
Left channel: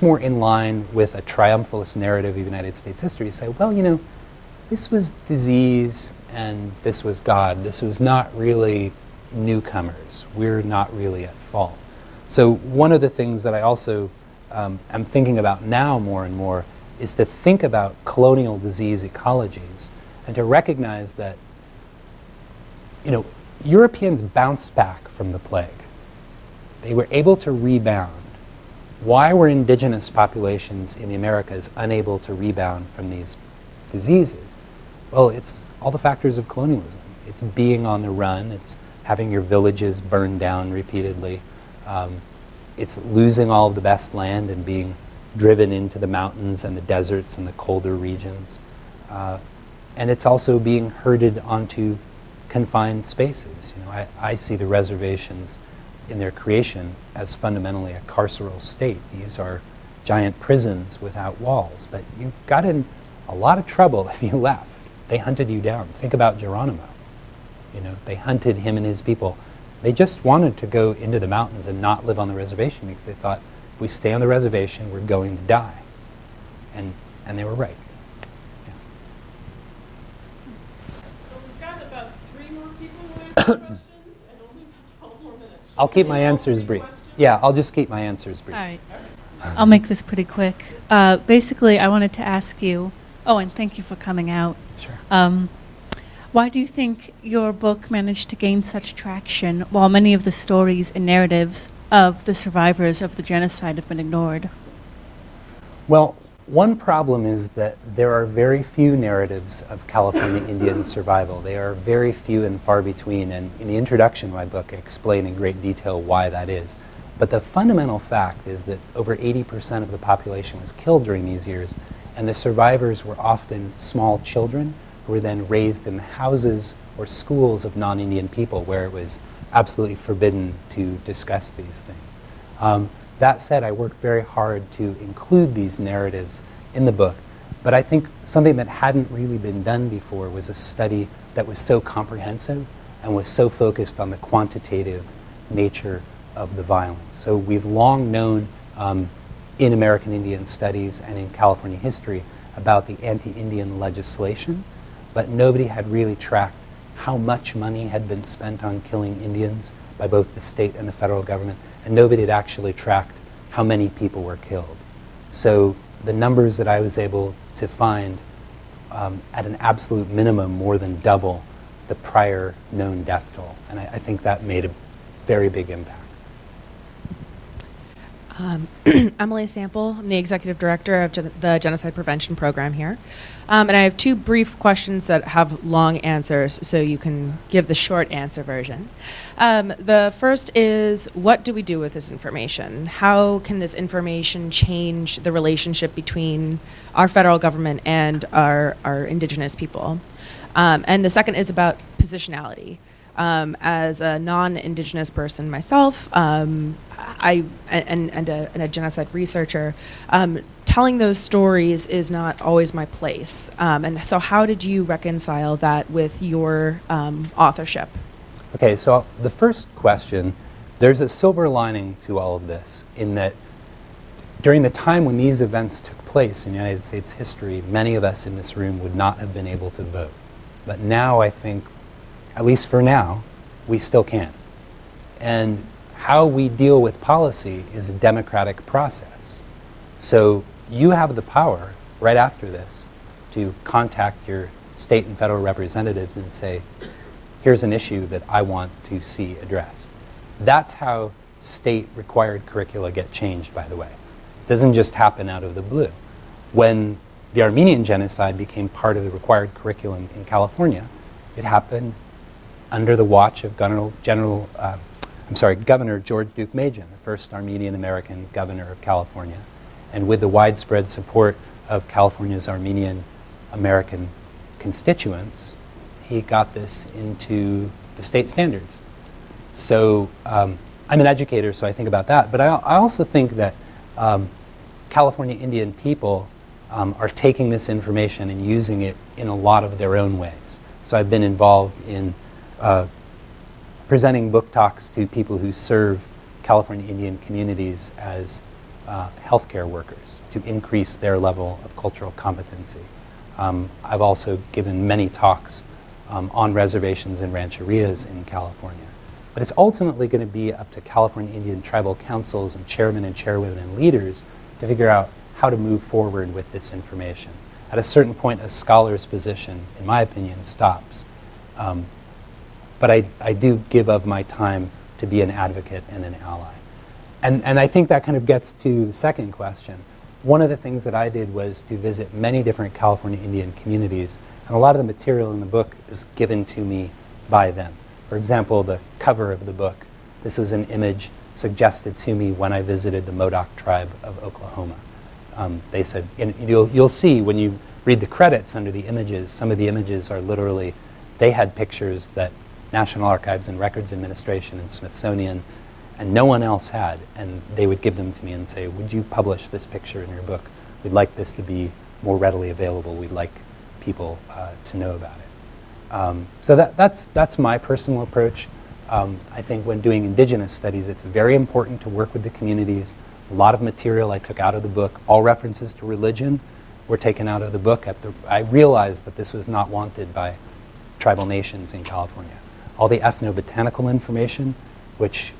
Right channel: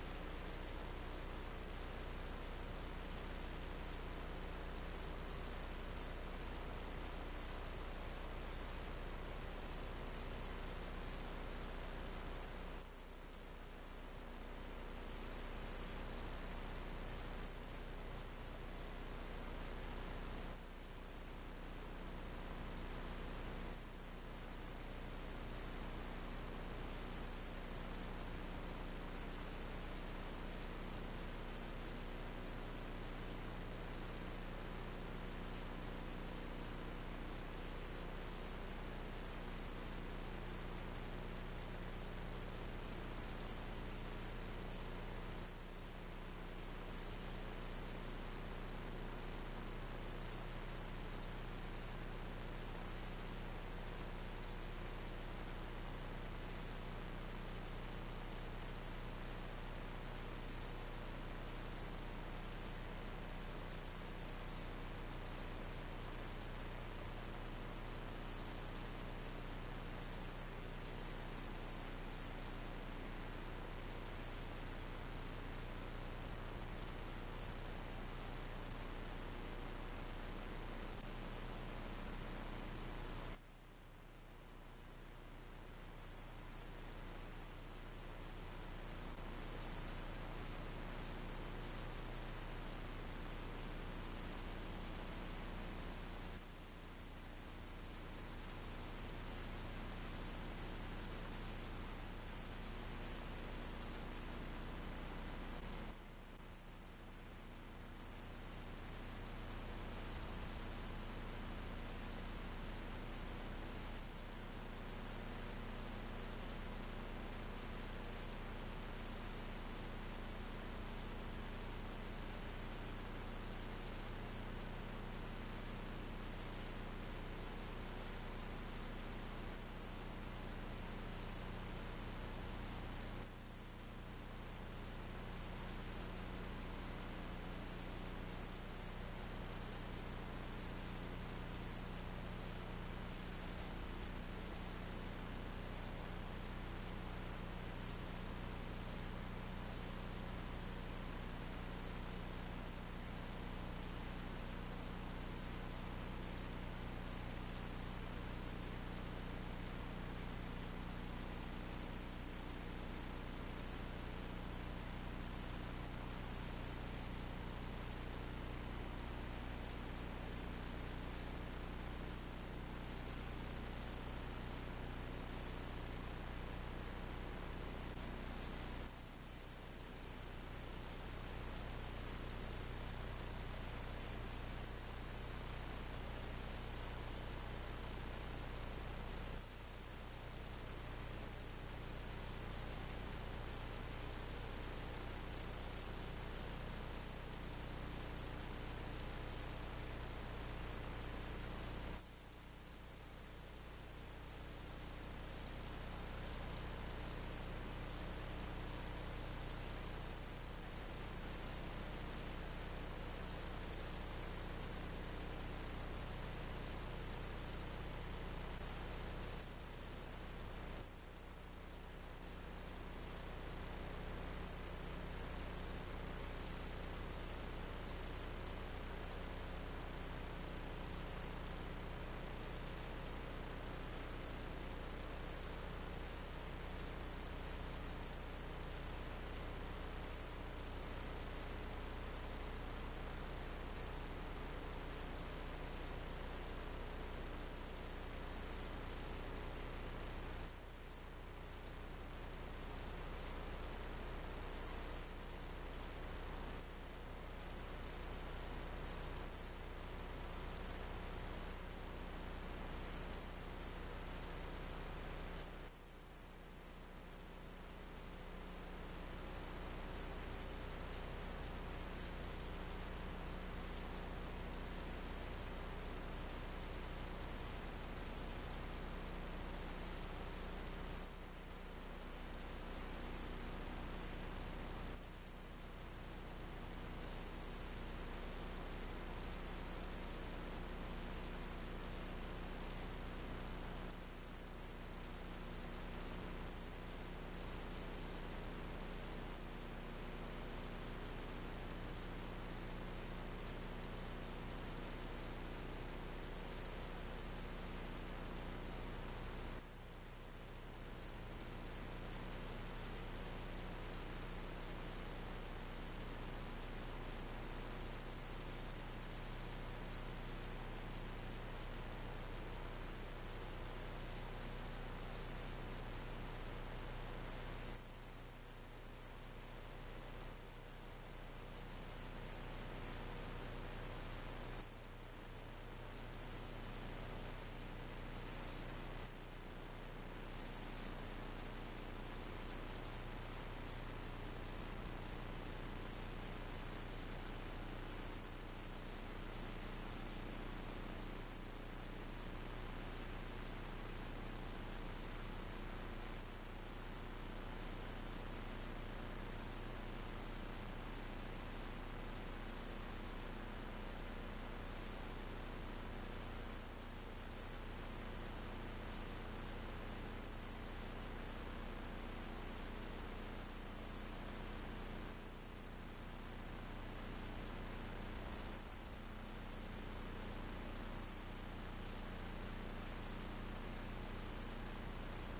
more in line with a triumphalist narrative of United States history to say, well, you know, this was disease and this was God. This was not really newcomers. We're not really at fault. So one of the things that I also am thinking about now more and more is to think about colonial disease ecologies and to recognize that, you know, Europeans bounced back from the plague. They were able to rebound. Why were indigenous populations in the Americas unable to rebound from these diseases? Well, it's all the factors of colonialism. It's being on the run. It's having your villages burned down repeatedly. It's losing all of the best land and being driven into the mountains and the deserts and the colder regions. And it's also being herded onto confined spaces. You know, I see the reservations in their creation as fundamentally a carceral state. These are giant prisons without walls, but you got in a lot of trouble if you left. They hunted you down. Think about Geronimo. You know, they hunted him and his people. They just wanted to go into the mountains and not live on the reservation because they thought, if we stay on the reservation, we're going to die. And they were right. So we've got about 3 more people who have questions and only 12 more minutes. I'll keep my answers brief. Yeah, I'll just keep my answers brief. All right. I'll make this pretty quick. Basically, I wanted to ask you, and thank you for coming out. Sure. Why do you think your book managed to gain such traction while many of the stories and narratives of the survivors of the genocide have been ignored? Well, one problem is that there are very few narratives of California Indian survival. They are very few and far between, and in the introduction to my book, I explain in great detail why that is. But the fundamental fact is that over 80% of the population was killed during these years, and the survivors were often small children who were then raised in houses or schools of non-Indian people where it was absolutely forbidden to discuss these things. That said, I worked very hard to include these narratives in the book, but I think something that hadn't really been done before was a study that was so comprehensive and was so focused on the quantitative nature of the violence. So we've long known in American Indian studies and in California history about the anti-Indian legislation, but nobody had really tracked how much money had been spent on killing Indians by both the state and the federal government, and nobody had actually tracked how many people were killed. So the numbers that I was able to find at an absolute minimum more than double the prior known death toll, and I think that made a very big impact. Emily Sample. I'm the executive director of the Genocide Prevention Program here. And I have two brief questions that have long answers, so you can give the short answer version. The first is, what do we do with this information? How can this information change the relationship between our federal government and our indigenous people? And the second is about positionality. As a non-indigenous person myself, and a genocide researcher, telling those stories is not always my place. And so how did you reconcile that with your authorship? Okay, so the first question, there's a silver lining to all of this, in that during the time when these events took place in United States history, many of us in this room would not have been able to vote. But now I think, at least for now, we still can. And how we deal with policy is a democratic process. So you have the power, right after this, to contact your state and federal representatives and say, here's an issue that I want to see addressed. That's how state required curricula get changed, by the way. It doesn't just happen out of the blue. When the Armenian Genocide became part of the required curriculum in California, it happened under the watch of Governor George Duke Majan, the first Armenian American governor of California, and with the widespread support of California's Armenian American constituents, he got this into the state standards. So I'm an educator, so I think about that, but I also think that California Indian people are taking this information and using it in a lot of their own ways. So I've been involved in presenting book talks to people who serve California Indian communities as healthcare workers to increase their level of cultural competency. I've also given many talks on reservations and rancherias in California. But it's ultimately going to be up to California Indian tribal councils and chairmen and chairwomen and leaders to figure out how to move forward with this information. At a certain point, a scholar's position, in my opinion, stops. But I do give of my time to be an advocate and an ally. And I think that kind of gets to the second question. One of the things that I did was to visit many different California Indian communities, and a lot of the material in the book is given to me by them. For example, the cover of the book, this was an image suggested to me when I visited the Modoc tribe of Oklahoma. They said, and you'll see when you read the credits under the images, some of the images are literally, they had pictures that National Archives and Records Administration and Smithsonian and no one else had, and they would give them to me and say, would you publish this picture in your book? We'd like this to be more readily available. We'd like people to know about it. So that's my personal approach. I think when doing indigenous studies, it's very important to work with the communities. A lot of material I took out of the book, all references to religion were taken out of the book. I realized that this was not wanted by tribal nations in California. All the ethnobotanical information, which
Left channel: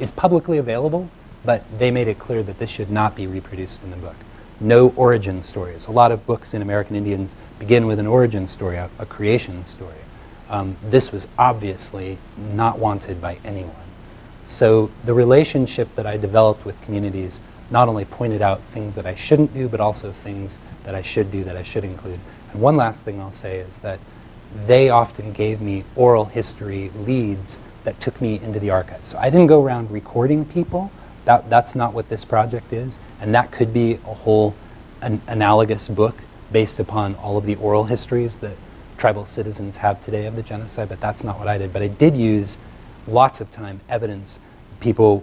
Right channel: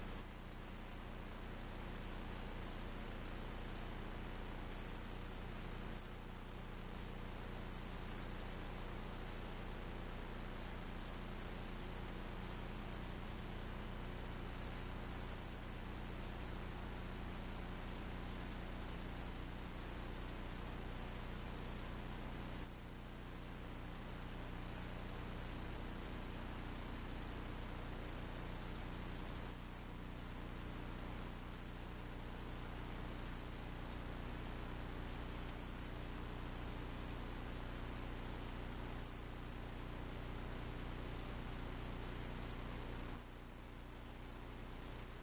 is publicly available, but they made it clear that this should not be reproduced in the book. No origin stories. A lot of books in American Indians begin with an origin story, a creation story. This was obviously not wanted by anyone. So the relationship that I developed with communities not only pointed out things that I shouldn't do, but also things that I should do, that I should include. And one last thing I'll say is that they often gave me oral history leads that took me into the archives. So I didn't go around recording people. That's not what this project is. And that could be a whole analogous book based upon all of the oral histories that tribal citizens have today of the genocide, but that's not what I did. But I did use lots of time, evidence, people,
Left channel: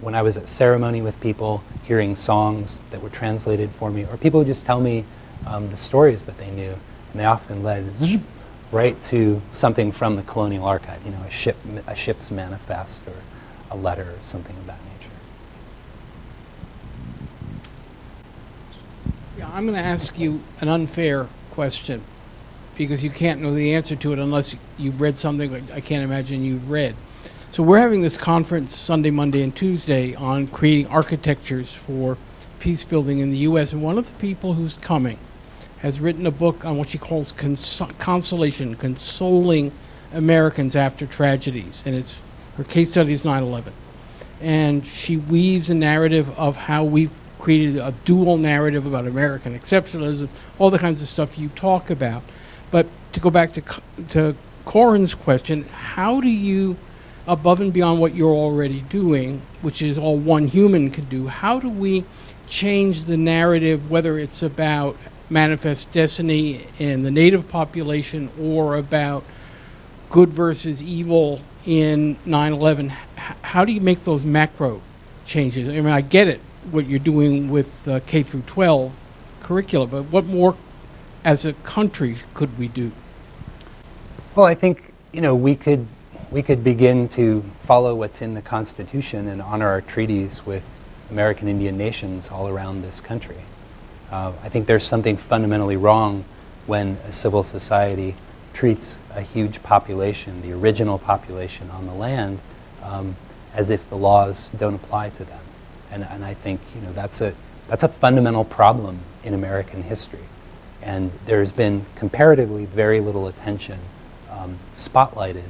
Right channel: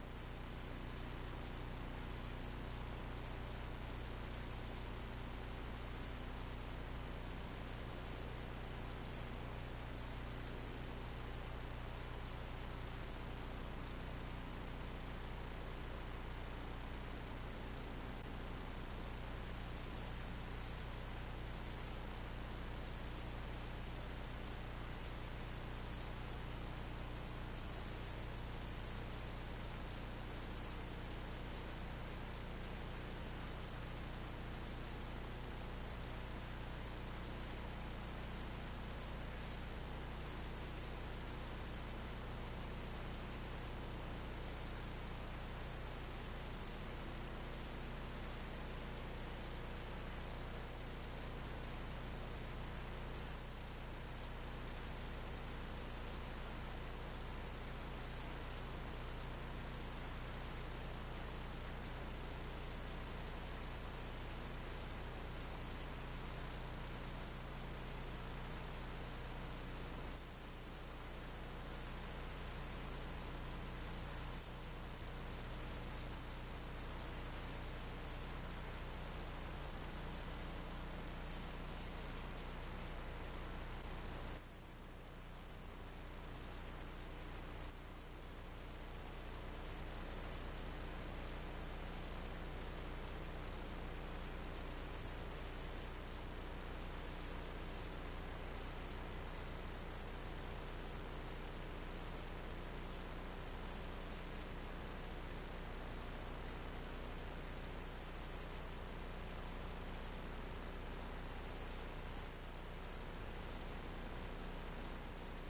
when I was at ceremony with people, hearing songs that were translated for me, or people would just tell me the stories that they knew, and they often led right to something from the colonial archive, a ship's manifest or a letter or something of that nature. Yeah, I'm going to ask you an unfair question because you can't know the answer to it unless you've read something that I can't imagine you've read. So we're having this conference Sunday, Monday, and Tuesday on creating architectures for peace building in the U.S. And one of the people who's coming has written a book on what she calls consolation, consoling Americans after tragedies. And her case study is 9/11. and she weaves a narrative of how we've created a dual narrative about American exceptionalism, all the kinds of stuff you talk about. But to go back to Corin's question, how do you, above and beyond what you're already doing, which is all one human can do, how do we change the narrative, whether it's about manifest destiny in the native population or about good versus evil in 9/11? How do you make those macro changes? I mean, I get it, what you're doing with K through 12 curricula, but what more as a country could we do? Well, I think, we could begin to follow what's in the Constitution and honor our treaties with American Indian nations all around this country. I think there's something fundamentally wrong when a civil society treats a huge population, the original population on the land, as if the laws don't apply to them. And I think that's a fundamental problem in American history. And there's been comparatively very little attention spotlighted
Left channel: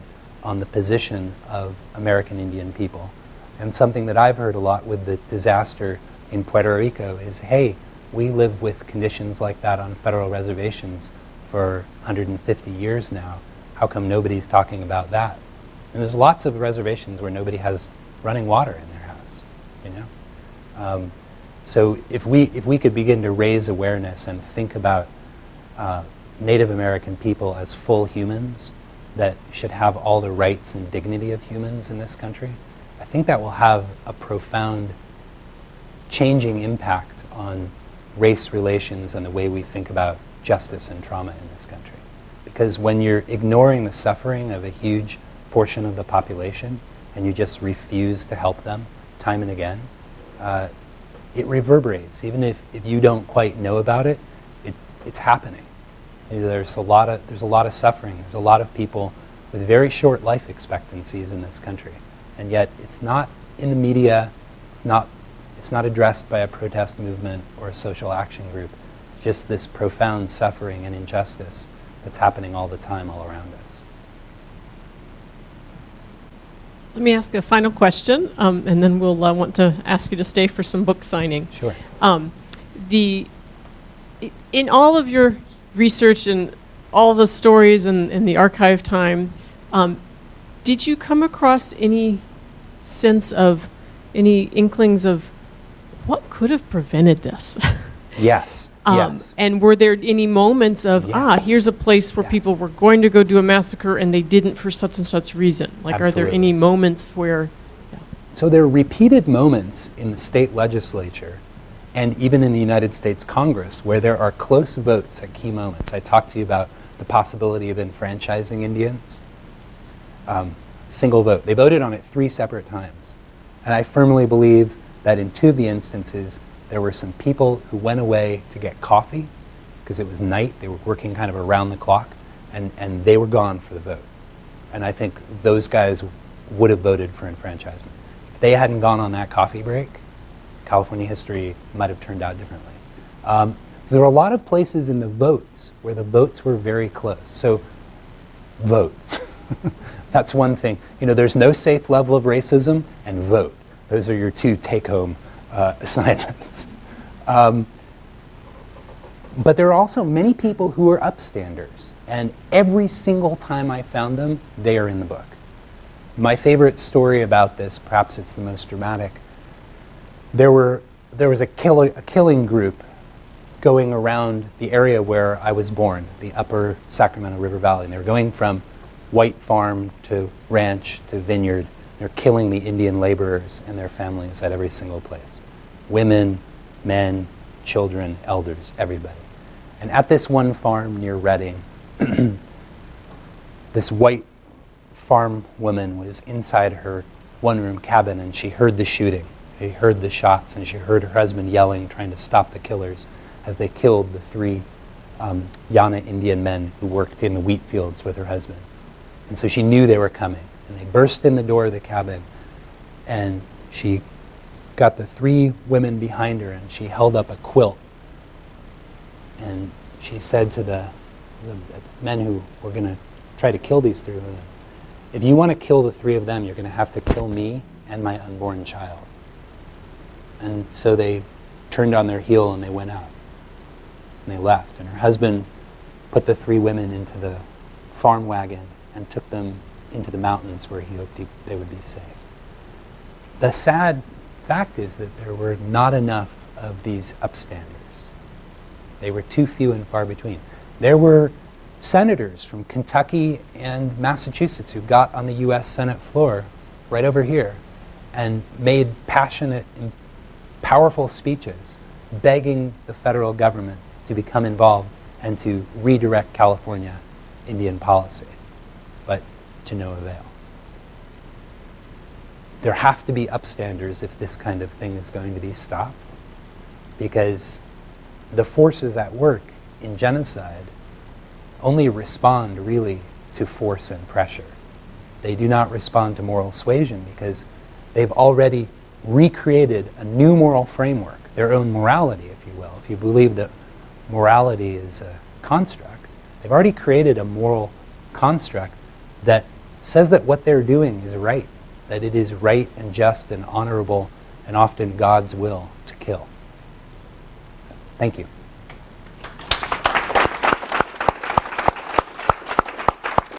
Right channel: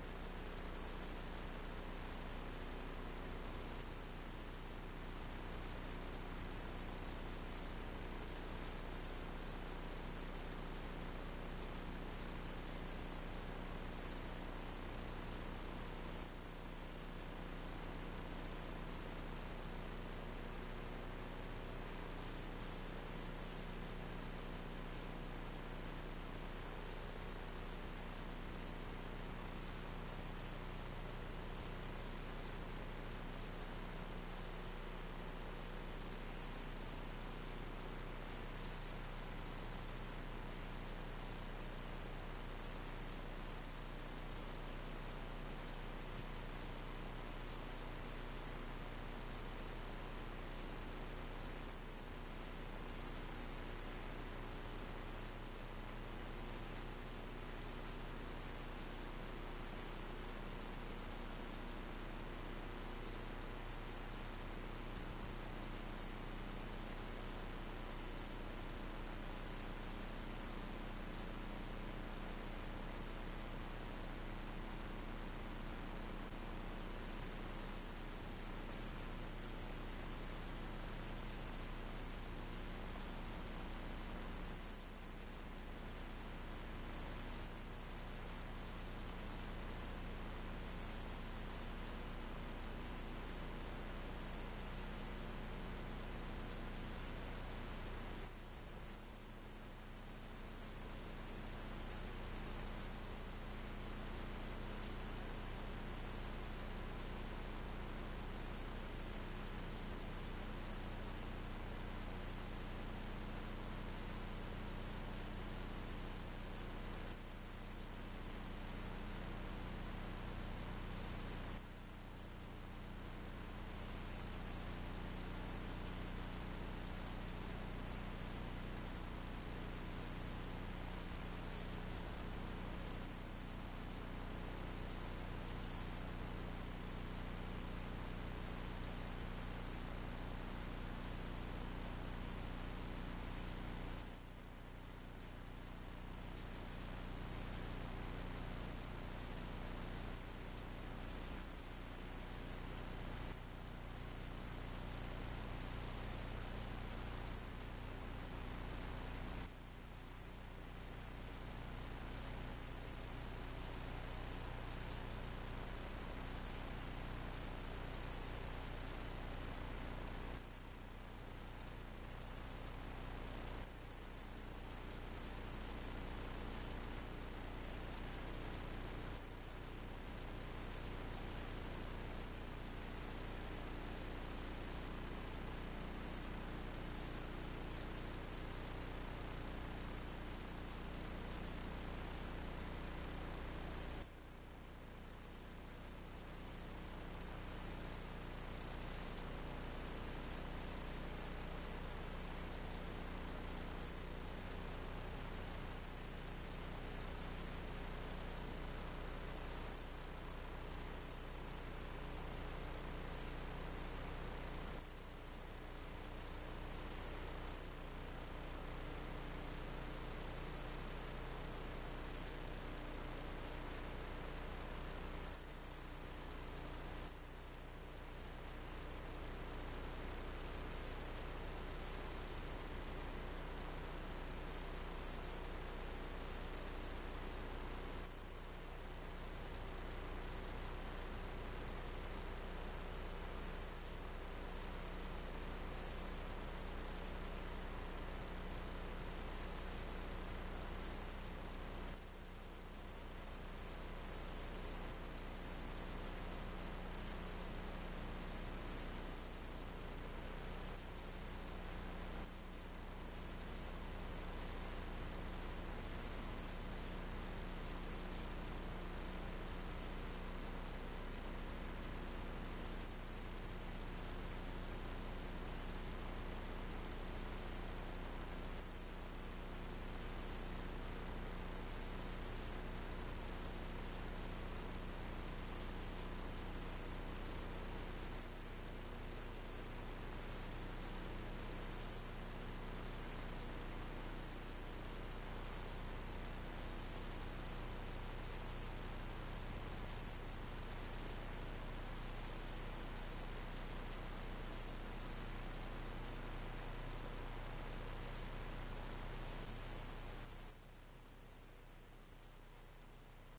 on the position of American Indian people. And something that I've heard a lot with the disaster in Puerto Rico is, hey, we live with conditions like that on federal reservations for 150 years now. How come nobody's talking about that? And there's lots of reservations where nobody has running water in their house, So if we could begin to raise awareness and think about Native American people as full humans that should have all the rights and dignity of humans in this country, I think that will have a profound changing impact on race relations and the way we think about justice and trauma in this country. Because when you're ignoring the suffering of a huge portion of the population and you just refuse to help them time and again, it reverberates. Even if you don't quite know about it, it's happening. There's a lot of suffering. There's a lot of people with very short life expectancies in this country, and yet it's not in the media. It's not addressed by a protest movement or a social action group. Just this profound suffering and injustice that's happening all the time all around us. Let me ask a final question, and then we'll want to ask you to stay for some book signing. Sure. In all of your research and all the stories and the archive time, did you come across any sense of, any inklings of what could have prevented this? Yes. Yes. And were there any moments of, Yes. Here's a place where Yes. people were going to go do a massacre and they didn't for such and such reason? Like, Are there Absolutely. any moments where... So there are repeated moments in the state legislature and even in the United States Congress where there are close votes at key moments. I talked to you about the possibility of enfranchising Indians. Single vote. They voted on it 3 separate times. And I firmly believe that in 2 of the instances, there were some people who went away to get coffee because it was night. They were working kind of around the clock, and they were gone for the vote. And I think those guys would have voted for enfranchisement. If they hadn't gone on that coffee break, California history might have turned out differently. There were a lot of places in the votes where the votes were very close. So vote. That's one thing. There's no safe level of racism, and vote. Those are your 2 take-home assignments. But there are also many people who are upstanders, and every single time I found them, they are in the book. My favorite story about this, perhaps it's the most dramatic, there was a killing group going around the area where I was born, the upper Sacramento River Valley, and they were going from white farm to ranch to vineyard. They're killing the Indian laborers and their families at every single place. Women, men, children, elders, everybody. And at this one farm near Redding, this white farm woman was inside her one-room cabin, and she heard the shooting. She heard the shots, and she heard her husband yelling, trying to stop the killers as they killed the 3 Yana Indian men who worked in the wheat fields with her husband. And so she knew they were coming. And they burst in the door of the cabin, and she got the 3 women behind her, and she held up a quilt. And she said to the men who were going to try to kill these 3 women, if you want to kill the 3 of them, you're going to have to kill me and my unborn child. And so they turned on their heel and they went out. And they left. And her husband put the 3 women into the farm wagon and took them into the mountains where he hoped they would be safe. The sad fact is that there were not enough of these upstanders. They were too few and far between. There were senators from Kentucky and Massachusetts who got on the US Senate floor right over here and made passionate and powerful speeches begging the federal government to become involved and to redirect California Indian policy, but to no avail. There have to be upstanders if this kind of thing is going to be stopped, because the forces at work in genocide only respond really to force and pressure. They do not respond to moral suasion because they've already recreated a new moral framework, their own morality, if you will. If you believe that morality is a construct, they've already created a moral construct that says that what they're doing is right, that it is right and just and honorable and often God's will to kill. Thank you.